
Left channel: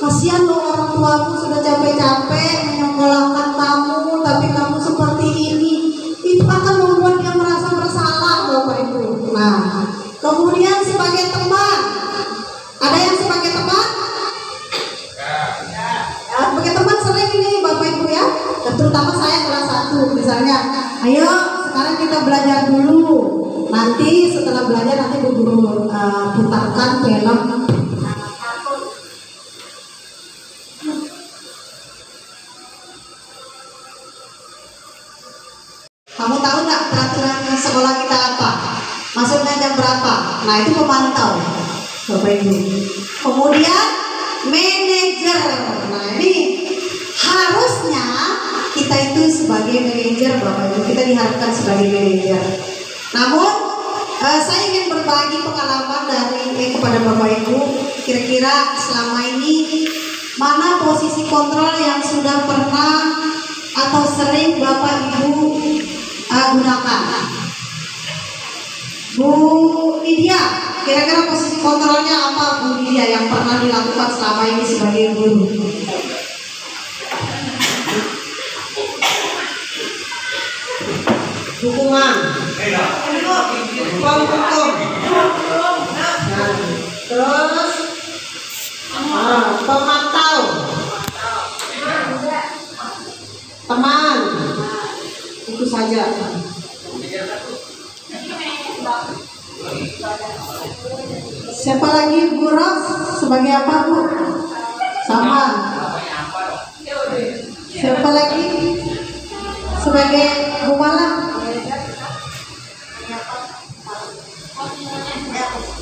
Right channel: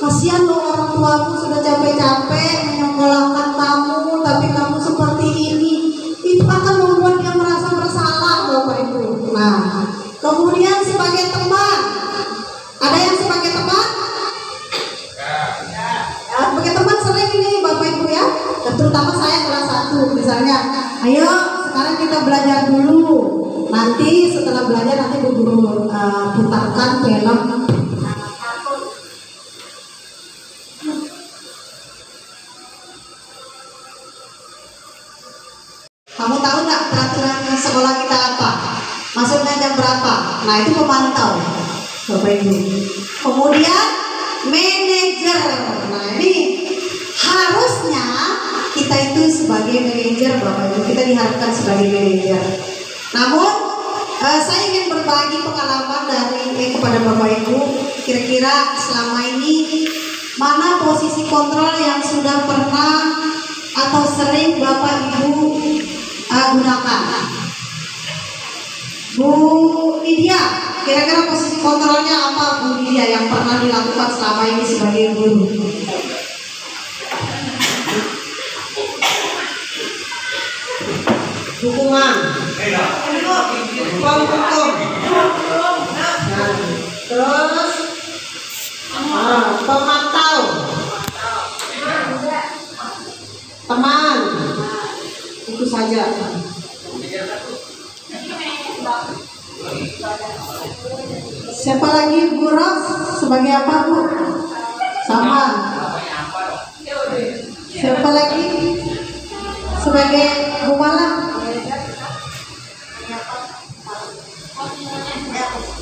Kasihan loh, orang tuamu sudah capek-capek menyekolahkan kamu, tapi kamu seperti ini. Itu akan membuat dia merasa bersalah Bapak Ibu. Nah, kemudian sebagai teman, ada yang sebagai teman? Ya, sebagai teman sering ini Bapak Ibu, ya. Terutama saya kelas 1 misalnya, ayo sekarang kita belajar dulu. Nanti setelah belajar nanti guru putarkan film. Kamu tahu nggak peraturan sekolah kita apa? Masuknya jam berapa? Nah, itu pemantau Bapak Ibu. Kemudian manajer. Nah, ini harusnya kita itu sebagai manajer Bapak Ibu, kita diharapkan sebagai manajer. Namun saya ingin berbagi pengalaman dari kepada Bapak Ibu. kira-kira selama ini mana posisi kontrol yang sudah pernah atau sering Bapak Ibu gunakan? Bu Lydia, kira-kira posisi kontrolnya apa Bu Lydia yang pernah dilakukan selama ini sebagai guru? Dukungan, penghukum, terus pemantau, teman, itu saja. Siapa lagi Bu Ros? Sebagai apa Bu? Sama. Siapa lagi? Sebagai Bu Malang?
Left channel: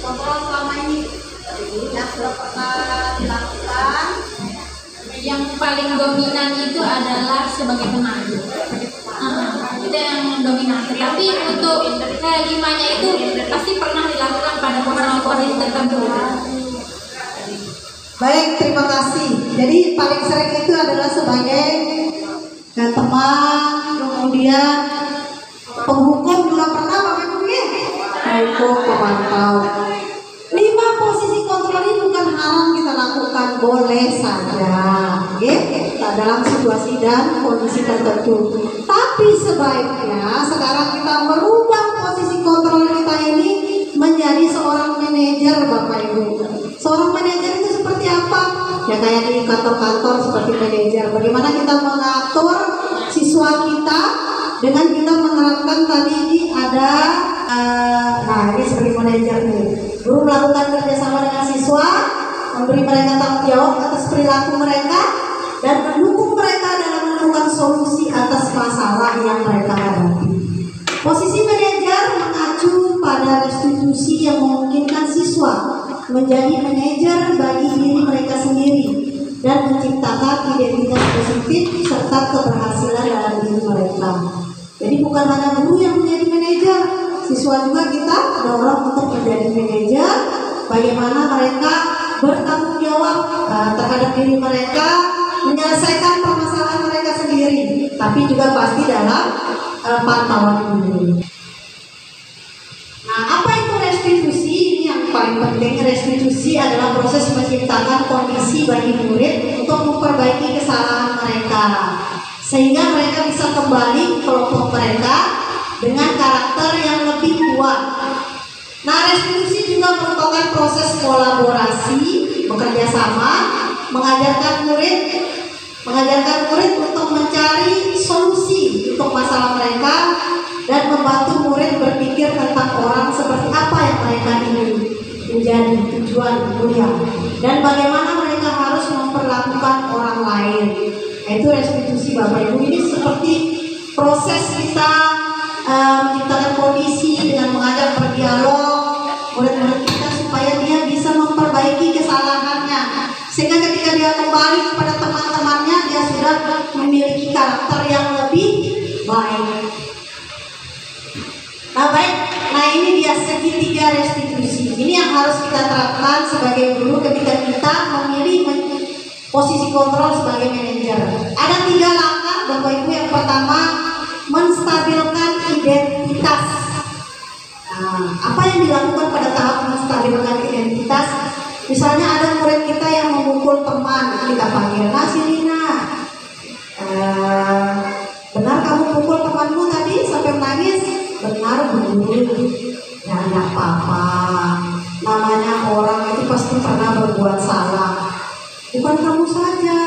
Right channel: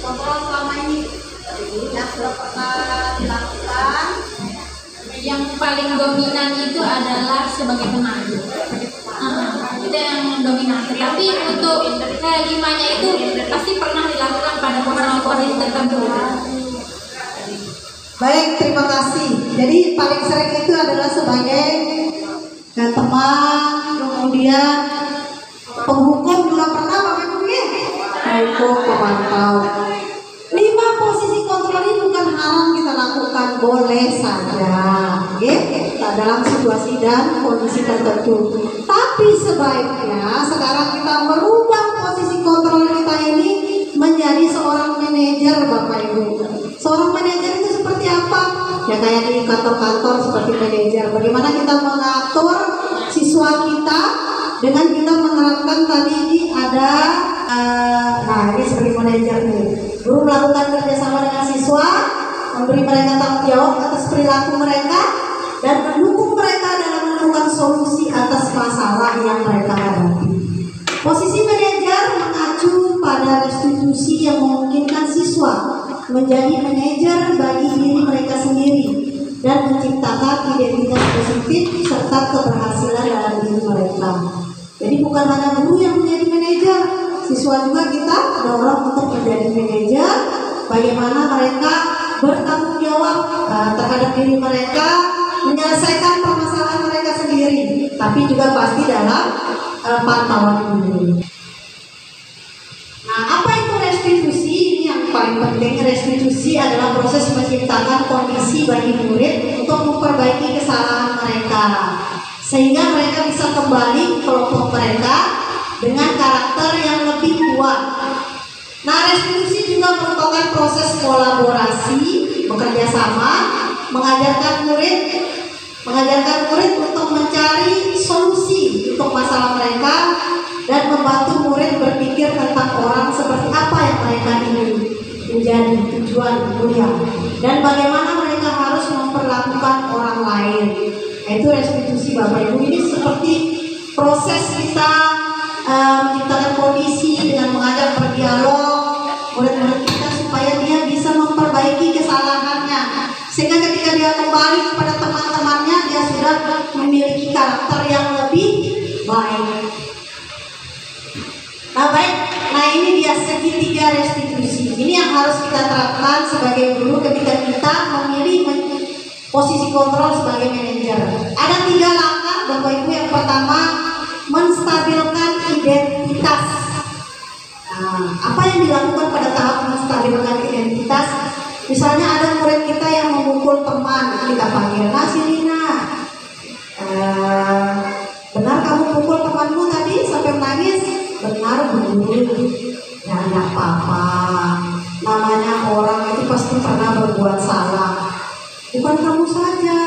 Kontrol selama ini yang sudah pernah dilakukan. Yang paling dominan itu adalah sebagai pemandu. Itu yang dominan. Tetapi untuk limanya itu pasti pernah dilakukan pada posisi tertentu. Baik, terima kasih. Jadi paling sering itu adalah sebagai teman, kemudian penghukum juga pernah Bapak Ibu ya? Penghukum, pemantau. 5 posisi kontrol ini bukan haram kita lakukan, boleh saja, ya, dalam situasi dan kondisi tertentu. Tapi sebaiknya sekarang kita merubah posisi kontrol kita ini menjadi seorang manajer Bapak Ibu. Seorang manajer itu seperti apa? Ya kayak di kantor-kantor seperti manajer. Bagaimana kita mengatur siswa kita dengan kita menerapkan tadi ini ada nah ini sebagai manajer nih. Guru melakukan kerjasama dengan siswa, memberi mereka tanggung jawab atas perilaku mereka dan mendukung mereka dalam menemukan solusi atas masalah yang mereka hadapi. Posisi manajer mengacu pada restitusi yang memungkinkan siswa menjadi manajer bagi diri mereka sendiri dan menciptakan identitas positif serta keberhasilan dalam diri mereka. Jadi bukan hanya guru yang menjadi manajer, siswa juga kita dorong untuk menjadi manajer. Bagaimana mereka bertanggung jawab terhadap diri mereka, menyelesaikan permasalahan mereka sendiri, tapi juga pasti dalam pantauan guru. Nah, apa itu restitusi? Ini yang paling penting. Restitusi adalah proses menciptakan kondisi bagi murid untuk memperbaiki kesalahan mereka, sehingga mereka bisa kembali ke kelompok mereka dengan karakter yang lebih kuat. Nah, restitusi juga merupakan proses kolaborasi, bekerja sama, mengajarkan murid untuk mencari solusi untuk masalah mereka dan membantu murid berpikir tentang orang seperti apa yang mereka ingin menjadi tujuan kuliah dan bagaimana mereka harus memperlakukan orang lain. Itu restitusi Bapak Ibu. Ini seperti proses kita menciptakan kondisi dengan mengajak berdialog murid-murid kita supaya dia bisa memperbaiki kesalahannya, sehingga ketika dia kembali kepada teman-temannya dia sudah memiliki karakter yang lebih baik. Nah ini dia segitiga restitusi. Ini yang harus kita terapkan sebagai guru ketika kita memilih posisi kontrol sebagai manajer. Ada 3 langkah Bapak Ibu. Yang pertama, menstabilkan identitas. Nah, apa yang dilakukan pada tahap menstabilkan identitas? Misalnya ada murid kita yang memukul teman, kita panggil, Silina, benar kamu pukul temanmu tadi sampai menangis? Benar Bu, ya enggak apa-apa. Namanya orang itu pasti pernah berbuat salah. Bukan kamu saja,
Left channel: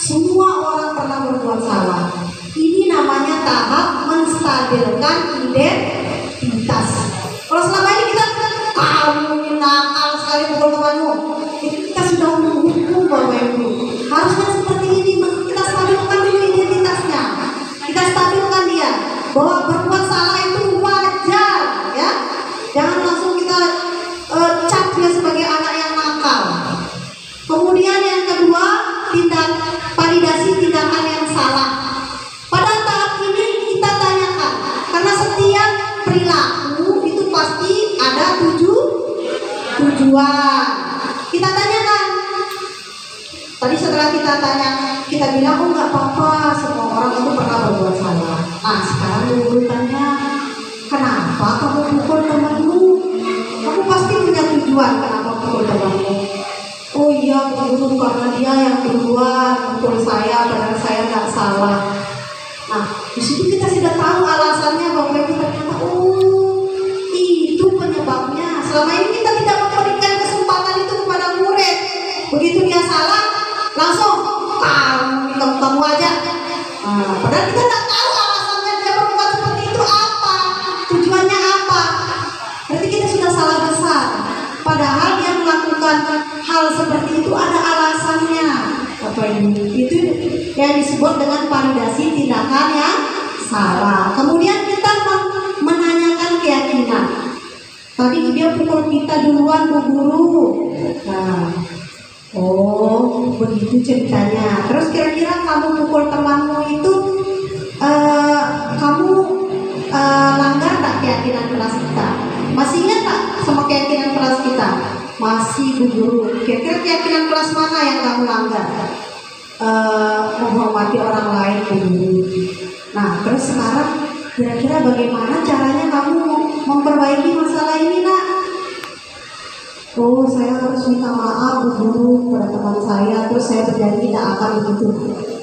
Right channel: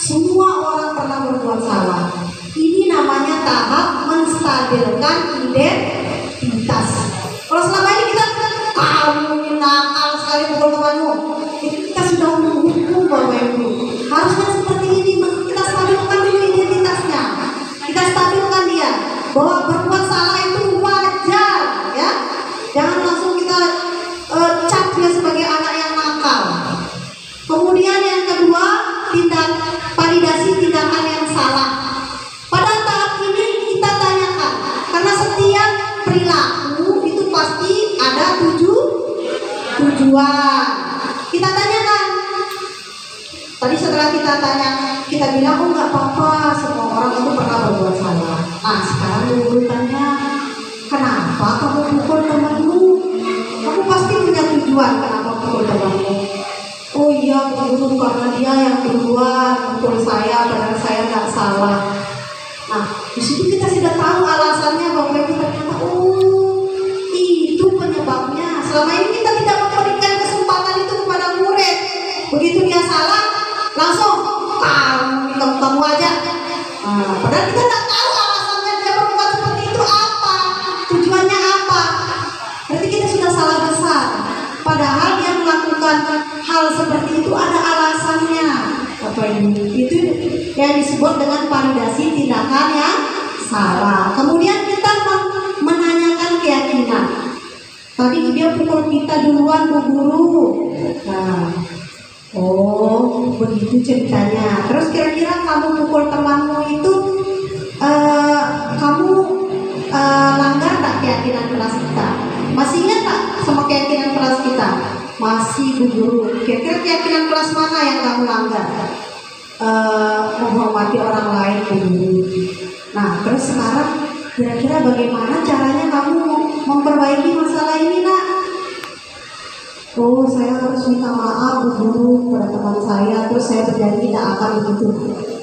semua orang pernah berbuat salah. Ini namanya tahap menstabilkan identitas. Kalau selama ini kita kamu nakal sekali pukul temanmu, kita sudah menghukum Bapak Ibu. Harusnya seperti ini, kita stabilkan dulu identitasnya. Kita stabilkan dia bahwa berbuat salah itu wajar, ya. Jangan langsung kita cap dia sebagai anak yang nakal. Kemudian yang kedua, validasi tindakan yang salah. Pada tahap ini kita tanyakan, karena setiap perilaku itu pasti ada tujuan. Kita tanya Tadi setelah kita tanya, kita bilang, oh nggak apa-apa, semua orang itu pernah berbuat salah. Nah sekarang guru tanya, kenapa kamu pukul temanmu? Kamu pasti punya tujuan kenapa pukul temanmu. Oh iya guru, karena dia yang duluan pukul saya, padahal saya nggak salah. Nah di situ kita sudah tahu alasannya, bahwa kita ternyata oh itu penyebabnya. Selama ini kita tidak memberikan kesempatan itu kepada murid. Begitu dia salah, langsung kamu aja. Padahal kita nggak tahu alasannya dia berbuat seperti itu apa, tujuannya apa. Berarti kita sudah salah besar. Padahal dia melakukan hal seperti itu ada alasannya. Apa ini? Itu yang disebut dengan validasi tindakan yang salah. Kemudian kita menanyakan keyakinan. Tadi dia pukul kita duluan, Bu Guru. Nah, oh begitu ceritanya. Terus kira-kira kamu pukul temanmu itu kamu langgar tak keyakinan kelas kita? Masih ingat tak sama keyakinan kelas kita? Masih, Bu Guru. Kira-kira keyakinan kelas mana yang kamu langgar? Menghormati orang lain, Bu Guru. Nah terus sekarang kira-kira bagaimana caranya kamu memperbaiki masalah ini, Nak? Oh, saya harus minta maaf Bu Guru kepada teman saya, terus saya berjanji tidak akan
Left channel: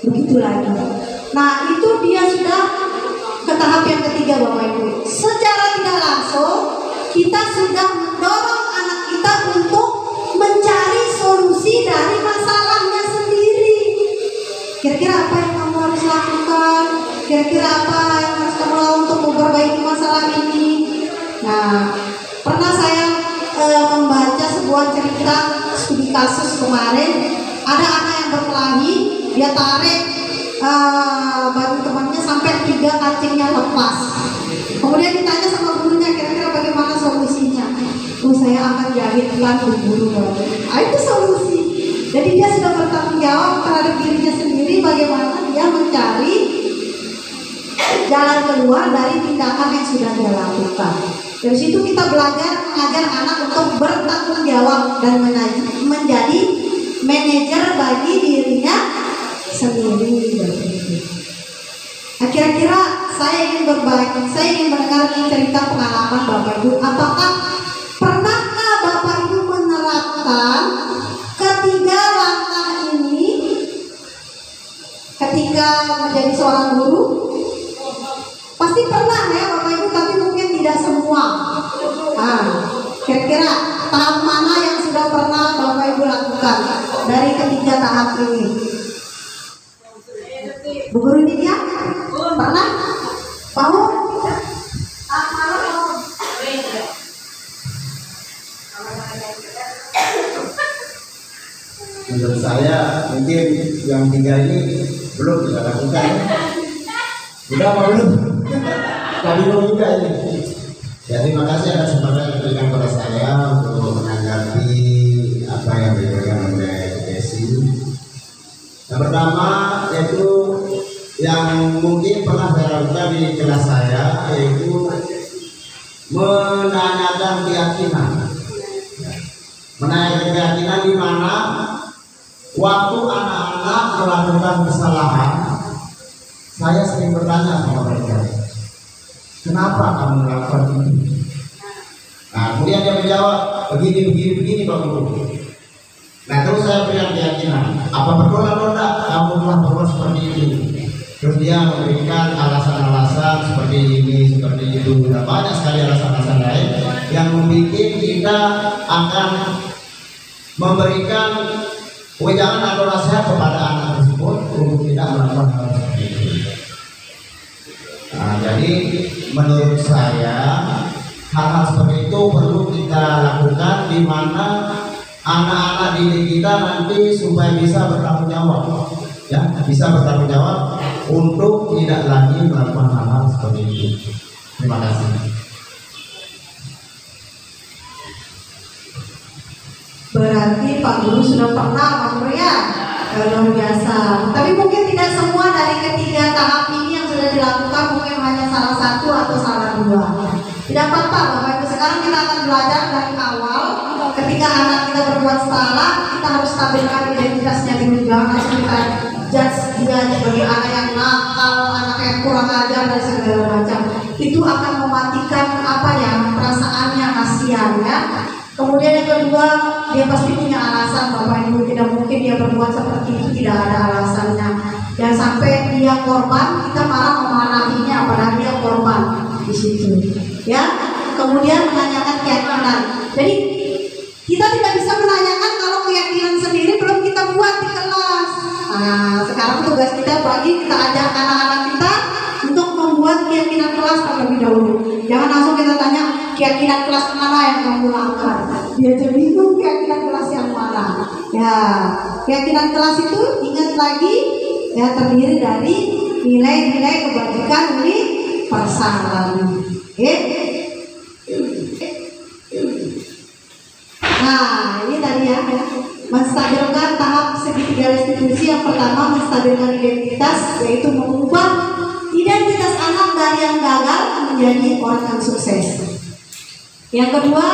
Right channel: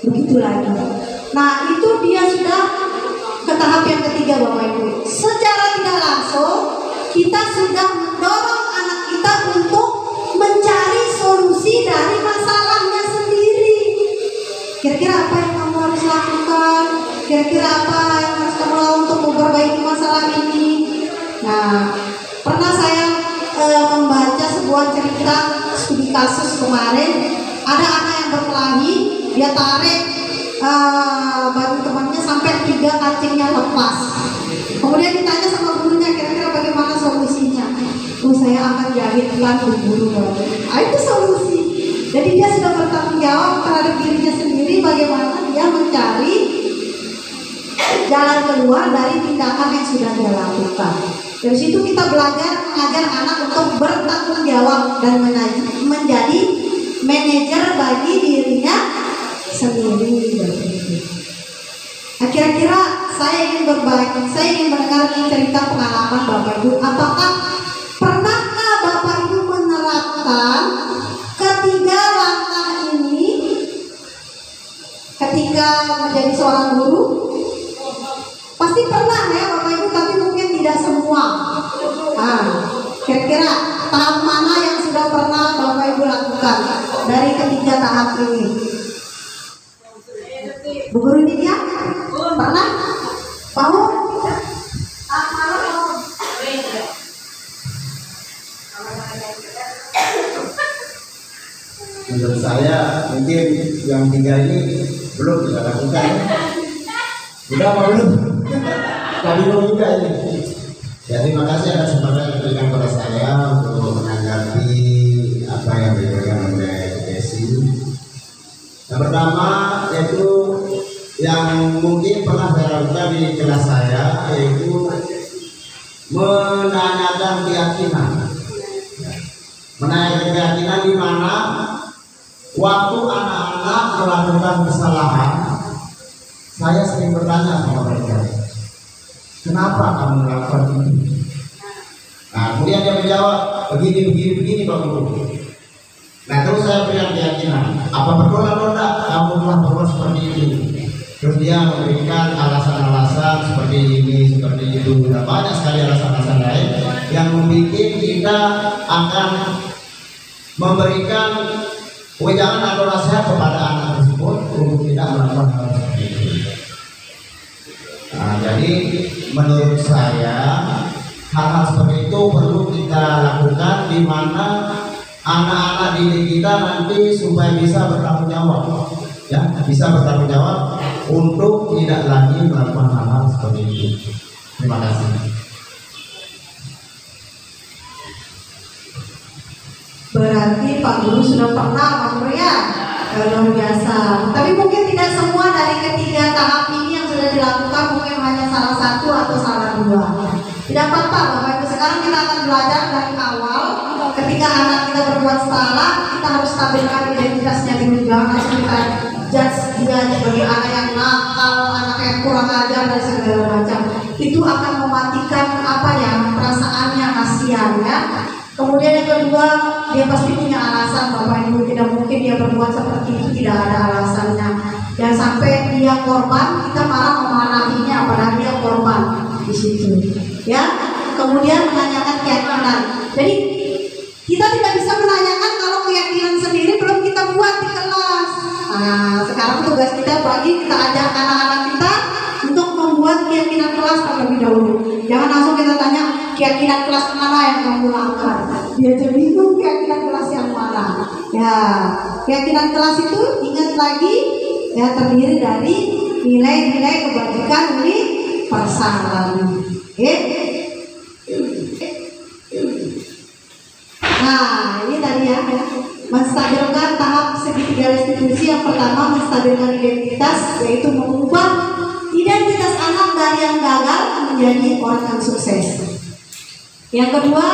begitu lagi. Nah, itu dia sudah ke tahap yang ketiga, Bapak Ibu. Secara tidak langsung kita sudah mendorong anak kita untuk mencari solusi dari masalahnya sendiri. Kira-kira apa yang kamu harus lakukan? Kira-kira apa yang harus kamu lakukan untuk memperbaiki masalah ini? Nah, pernah saya membaca sebuah cerita studi kasus kemarin. Ada anak yang berkelahi, dia tarik baju temannya sampai 3 kancingnya lepas. Kemudian ditanya sama gurunya, kira-kira bagaimana solusinya? Oh, saya akan jahitkan Bu Guru. Itu solusi. Jadi dia sudah bertanggung jawab terhadap dirinya sendiri, bagaimana dia mencari jalan keluar dari tindakan yang sudah dia lakukan. Dari situ kita belajar mengajar anak untuk bertanggung jawab dan menjadi manajer bagi dirinya sendiri. Nah, kira-kira saya ingin berbagi, saya ingin mendengar cerita pengalaman Bapak Ibu. Apakah pernahkah Bapak Ibu menerapkan ketiga langkah ini ketika menjadi seorang guru? Pasti pernah ya Bapak Ibu, tapi mungkin tidak semua. Kira-kira tahap mana yang sudah pernah Bapak Ibu lakukan dari ketiga tahap ini? Bu Guru Nidia? Pernah? Mau? Menurut saya mungkin yang 3 ini belum kita lakukan. Udah apa belum? Tadi belum juga ini. Ya terima kasih atas kesempatan yang diberikan kepada saya untuk menanggapi apa yang diberikan oleh Desi. Yang pertama yaitu yang mungkin pernah saya lakukan di kelas saya, yaitu menanyakan keyakinan. Menanyakan keyakinan di mana waktu anak-anak melakukan kesalahan, saya sering bertanya sama mereka, kenapa kamu melakukan ini? Nah, kemudian dia menjawab, begini Pak Guru. Nah, terus saya berikan keyakinan, apa betul atau tidak kamu telah berbuat seperti ini? Terus dia memberikan alasan-alasan seperti ini, seperti itu. Dan banyak sekali alasan-alasan lain yang membuat kita akan memberikan wejangan atau nasihat kepada anak tersebut untuk tidak melakukan hal seperti itu. Nah, jadi menurut saya hal-hal seperti itu perlu kita lakukan, di mana anak-anak didik kita nanti supaya bisa bertanggung jawab, ya, bisa bertanggung jawab untuk tidak lagi melakukan hal-hal seperti itu. Terima kasih. Berarti Pak Guru sudah pernah, Pak Guru ya? Luar biasa. Tapi mungkin tidak semua dari ketiga tahap ini yang sudah dilakukan, mungkin hanya salah satu atau salah 2. Tidak apa-apa Bapak Ibu, sekarang kita akan belajar dari awal. Ketika anak kita berbuat salah, kita harus stabilkan identitasnya dulu kurang ajar dan segala macam. Itu akan mematikan perasaannya, kasihan ya. Kemudian yang kedua, dia pasti punya alasan. Bapak Ibu, tidak mungkin dia berbuat seperti itu tidak ada alasannya. Dan sampai dia korban, kita malah memarahinya padahal dia korban di situ. Ya. Kemudian menanyakan keyakinan. Jadi kita tidak bisa menanyakan kalau keyakinan sendiri belum kita buat di kelas. Nah, sekarang tugas kita kita ajak anak-anak kita untuk membuat keyakinan kelas terlebih dahulu. Jangan langsung kita tanya keyakinan kelas mana yang kamu lakukan. Dia jadi bingung keyakinan kelas yang mana. Ya, keyakinan kelas itu ingat lagi ya terdiri dari nilai-nilai kebajikan universal. Oke? Nah, ini tadi ya, menstabilkan tahap segitiga restitusi. Yang pertama, menstabilkan identitas, yaitu mengubah identitas anak dari yang gagal menjadi orang yang sukses. Yang kedua,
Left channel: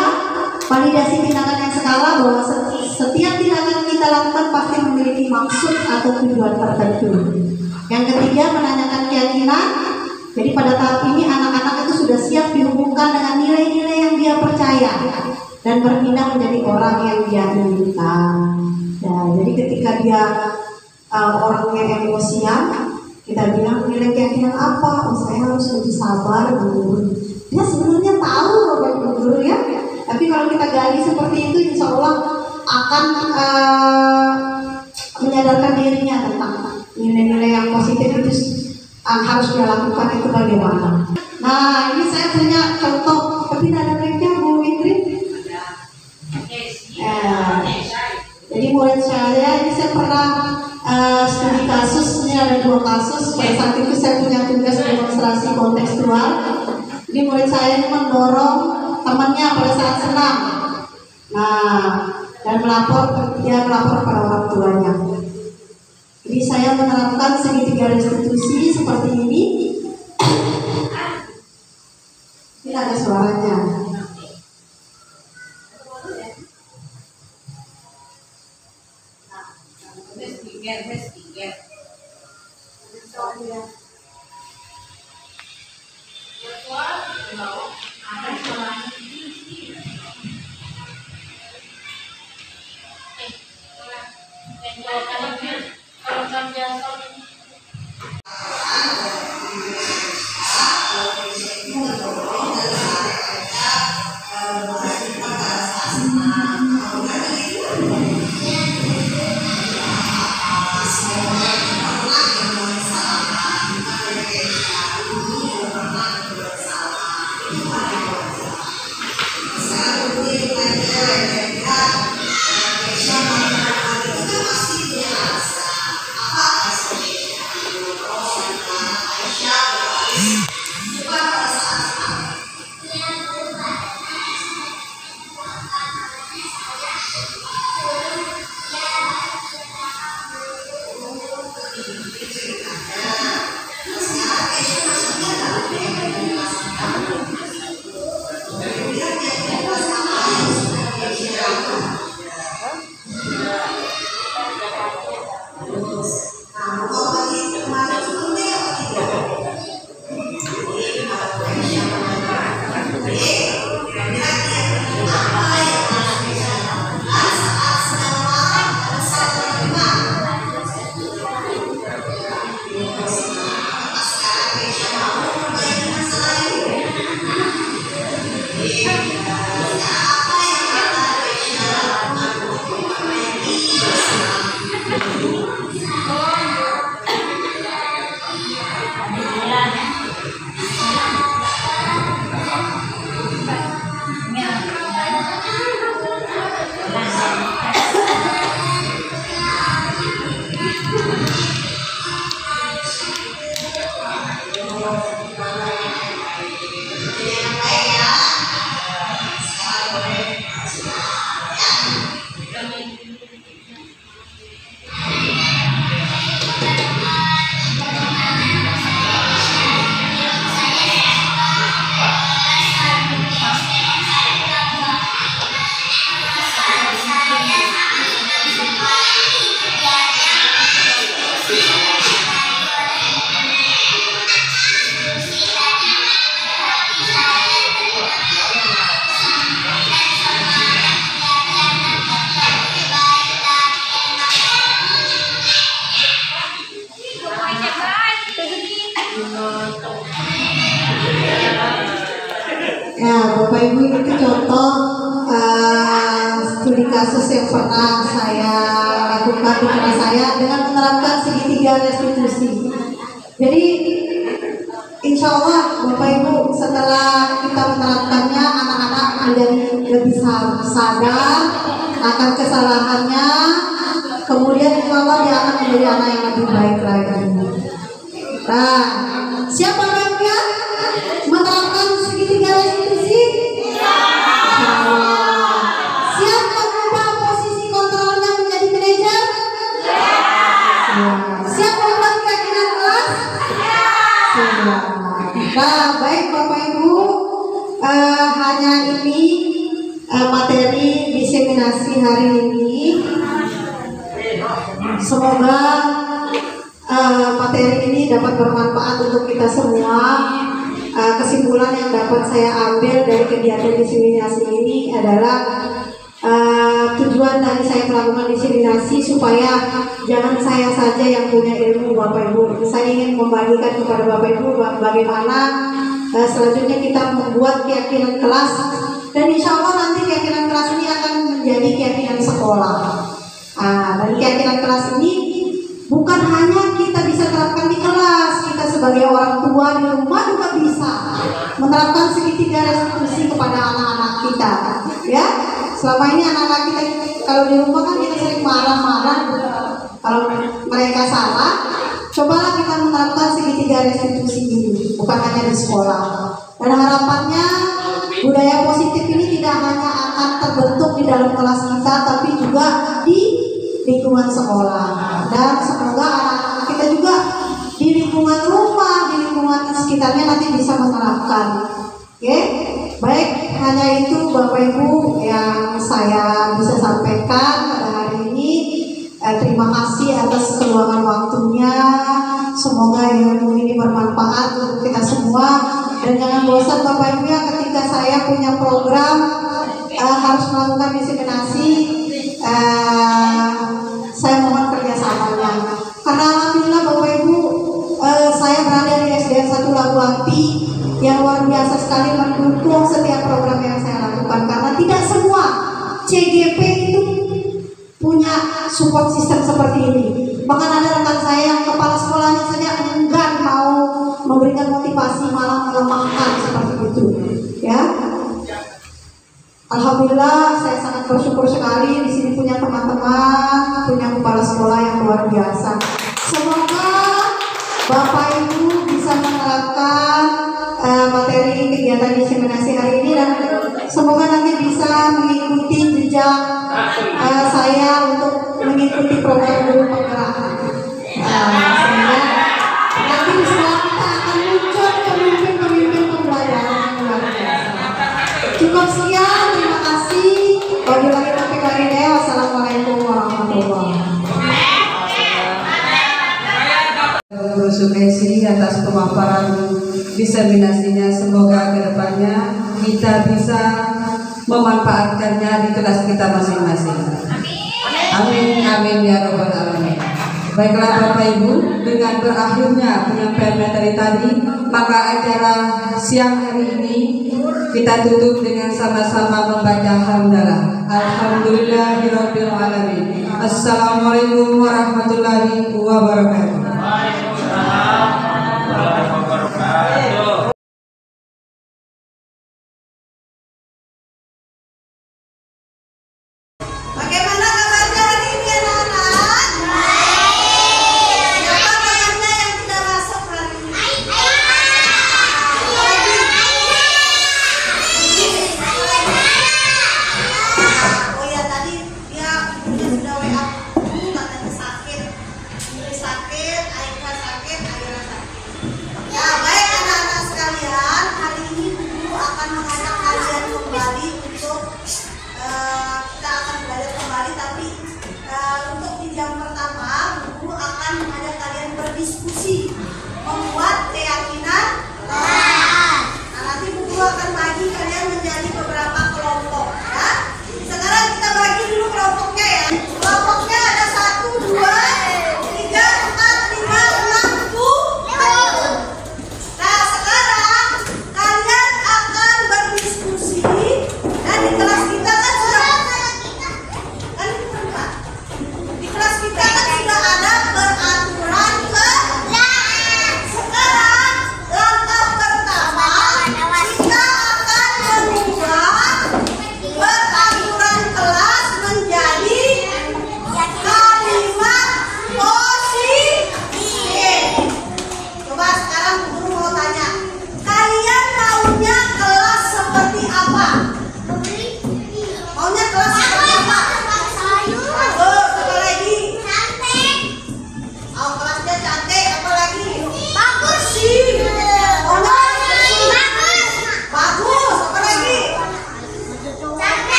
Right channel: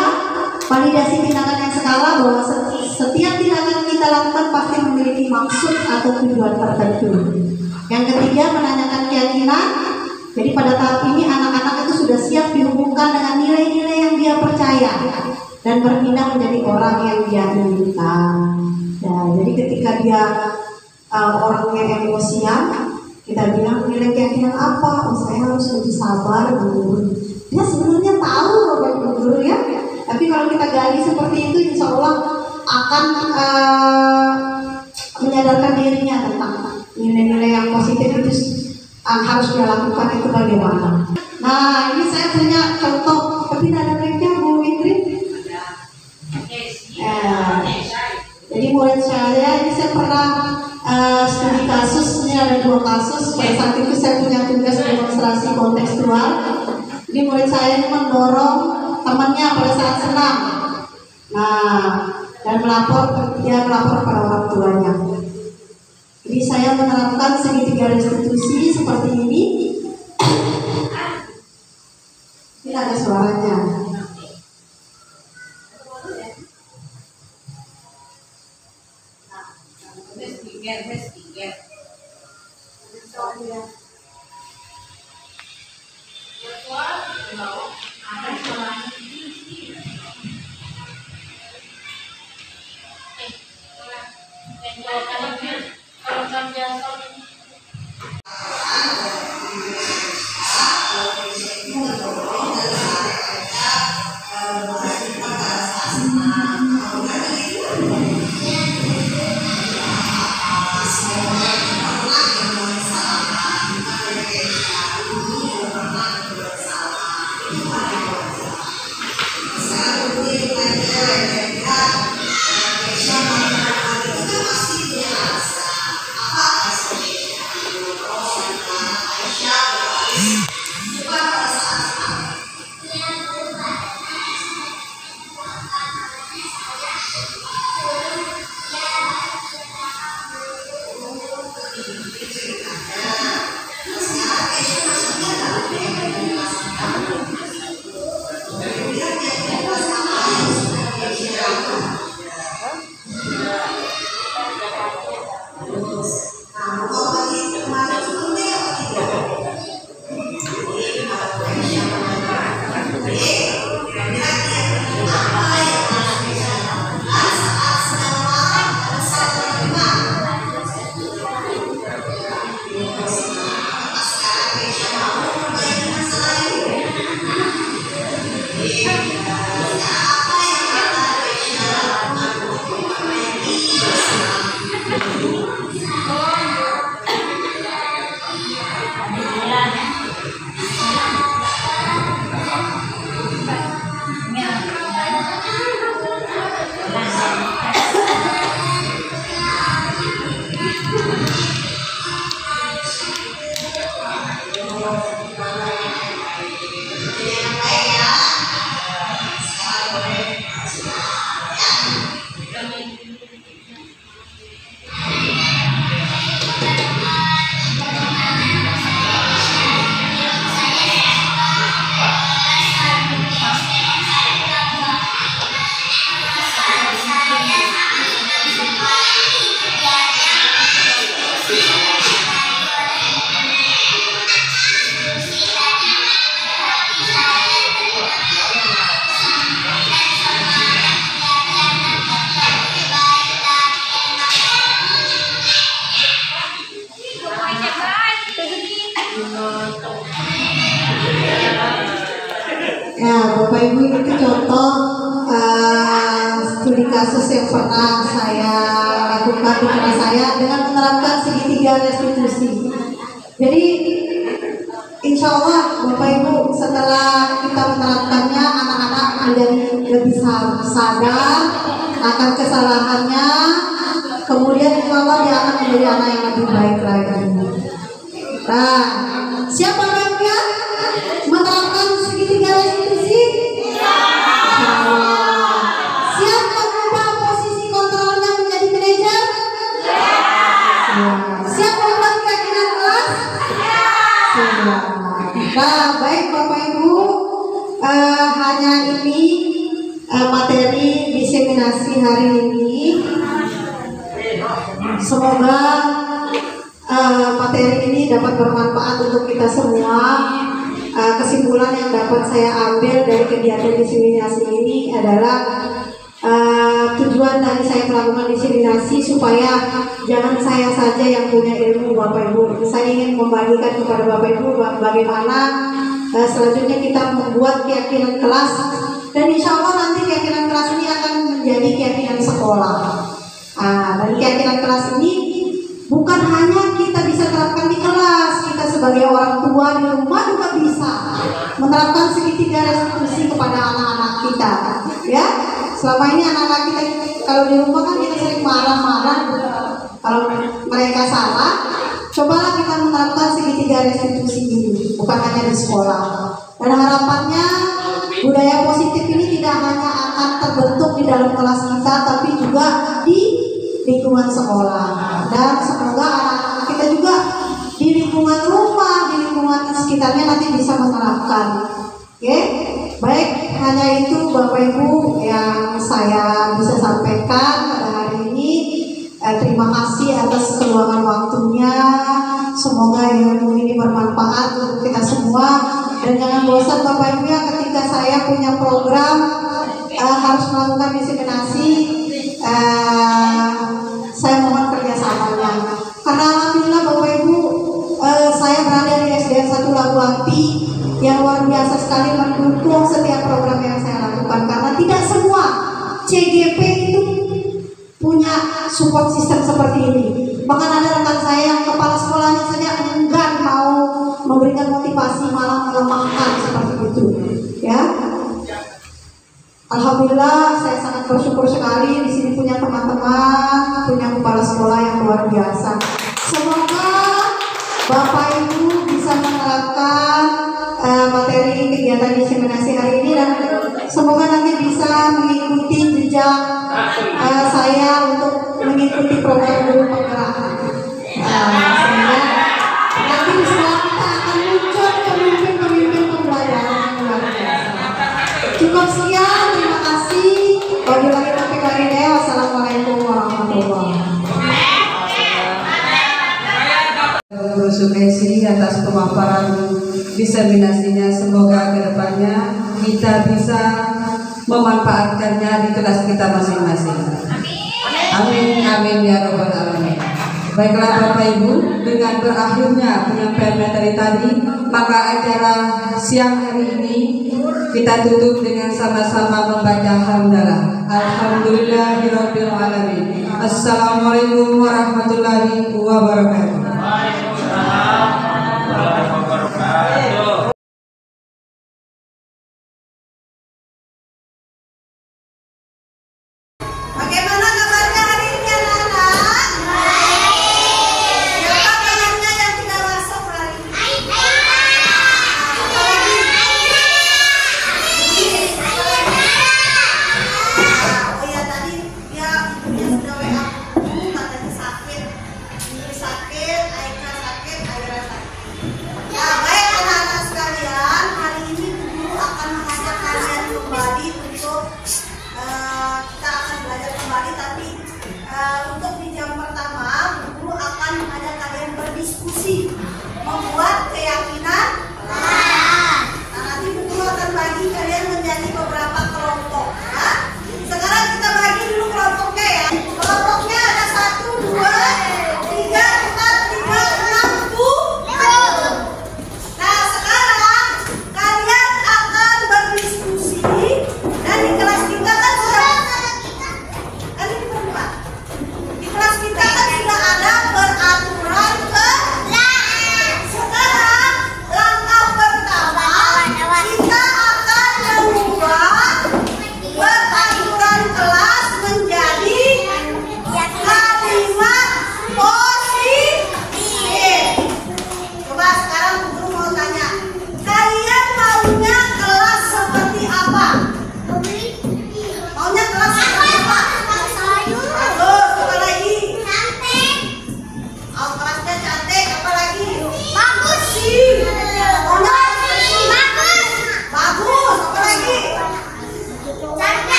validasi tindakan yang skala, bahwa setiap tindakan kita lakukan pasti memiliki maksud atau tujuan tertentu. Yang ketiga, menanyakan keyakinan. Jadi pada tahap ini anak-anak itu sudah siap dihubungkan dengan nilai-nilai yang dia percaya dan berpindah menjadi orang yang dia inginkan. Ya, jadi ketika dia orangnya emosian, kita bilang nilai keyakinan apa? Oh, saya harus lebih sabar dulu. Dia sebenarnya tahu Bapak Ibu guru ya. Tapi kalau kita gali seperti itu, insya Allah akan menyadarkan dirinya tentang nilai-nilai yang positif itu harus dia lakukan itu bagaimana. Nah, ini saya punya contoh, tapi tidak ada baiknya Bu Ingrid. Jadi murid saya ini saya pernah studi kasus, ini ada 2 kasus. Pada saat itu saya punya tugas demonstrasi kontekstual. Jadi murid saya ini mendorong temannya pada saat senam. Nah, dan dia melapor pada orang tuanya. Jadi saya menerapkan segitiga restitusi seperti ini. Ini ada suaranya. Bapak Ibu, itu contoh studi kasus yang pernah saya lakukan di kelas saya dengan menerapkan segitiga restitusi. Jadi insya Allah Bapak Ibu, setelah kita menerapkannya, anak-anak menjadi lebih sadar akan kesalahannya. Kemudian insya Allah dia akan menjadi anak yang lebih baik lagi. Nah, siapa yang menerapkan segitiga restitusi? Siap mengubah posisi kontrolnya menjadi manajer? Siap mengubah keyakinan kelas? Nah, baik Bapak Ibu, hanya ini materi diseminasi hari ini. Semoga materi ini dapat bermanfaat untuk kita semua. Kesimpulan yang dapat saya ambil dari kegiatan diseminasi ini adalah tujuan dari saya melakukan diseminasi supaya jangan saya saja yang punya ilmu Bapak Ibu. Saya ingin membagikan kepada Bapak Ibu bagaimana selanjutnya kita membuat keyakinan kelas, dan insya Allah nanti keyakinan kelas ini akan menjadi keyakinan sekolah. Dan keyakinan kelas ini bukan hanya kita bisa terapkan di kelas, kita sebagai orang tua di rumah juga bisa menerapkan segitiga restitusi kepada anak-anak kita. Ya, selama ini anak-anak kita kalau di rumah kan kita sering marah-marah kalau mereka salah. Cobalah kita menerapkan segitiga restitusi ini, bukan hanya di sekolah. Dan harapannya budaya positif ini tidak hanya akan terbentuk di dalam kelas kita, tapi juga di lingkungan sekolah. Dan semoga anak-anak kita juga di lingkungan rumah, di lingkungan sekitarnya nanti bisa menerapkan. Oke, baik, hanya itu Bapak Ibu yang saya bisa sampaikan pada hari ini. Terima kasih atas keluangan waktunya. Semoga ilmu ini bermanfaat untuk kita semua. Dan jangan bosan Bapak Ibu ya, ketika saya punya program harus melakukan diseminasi, saya mohon kerjasamanya. Karena alhamdulillah Bapak Ibu, saya berada di SDN 1 Labu Api yang luar biasa sekali mendukung setiap program yang saya lakukan. Karena tidak semua CGP itu punya support system seperti ini. Bahkan ada rekan saya yang kepala sekolahnya saja enggan mau memberikan motivasi, malah melemahkan seperti itu. Ya, alhamdulillah saya sangat bersyukur sekali di sini punya teman-teman, punya kepala sekolah yang luar biasa. Semoga Bapak Ibu bisa menerapkan materi kegiatan diseminasi hari ini, dan semoga nanti bisa mengikuti jejak saya untuk mengikuti program guru penggerak. Sehingga nanti di sekolah kita akan muncul pemimpin-pemimpin pembelajaran yang luar biasa. Cukup sekian, terima kasih. Wabillahi taufiq wal hidayah. Wassalamualaikum warahmatullahi wabarakatuh. Guru Sukesi atas pemaparan diseminasinya. Semoga kedepannya kita bisa memanfaatkannya di kelas kita masing-masing. Amin, amin ya robbal alamin. Baiklah Bapak Ibu, dengan berakhirnya penyampaian materi tadi, maka acara siang hari ini kita tutup dengan sama-sama membaca hamdalah. Alhamdulillahirabbil alamin. Assalamualaikum warahmatullahi wabarakatuh. Bagaimana kabarnya hari ini anak-anak? Siapa kayaknya yang tidak masuk hari ini? Oh ya, tadi dia sudah WA aku katanya sakit. Sakit, Aika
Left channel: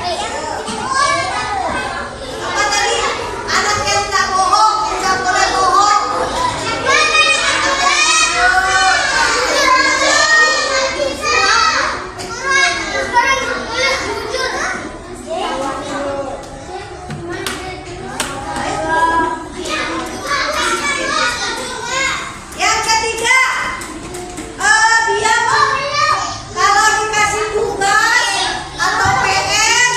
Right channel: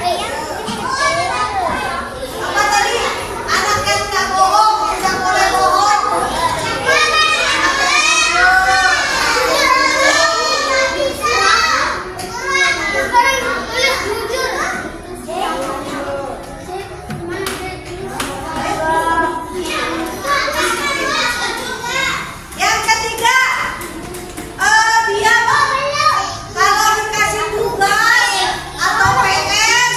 Apa tadi? Anak yang nggak bohong, nggak boleh bohong. Yang ketiga, dia kalau dikasih tugas atau PR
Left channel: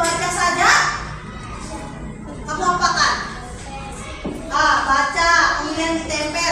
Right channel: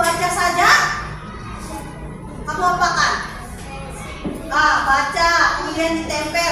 baca saja? Kamu apakan? Baca, kemudian ditempel.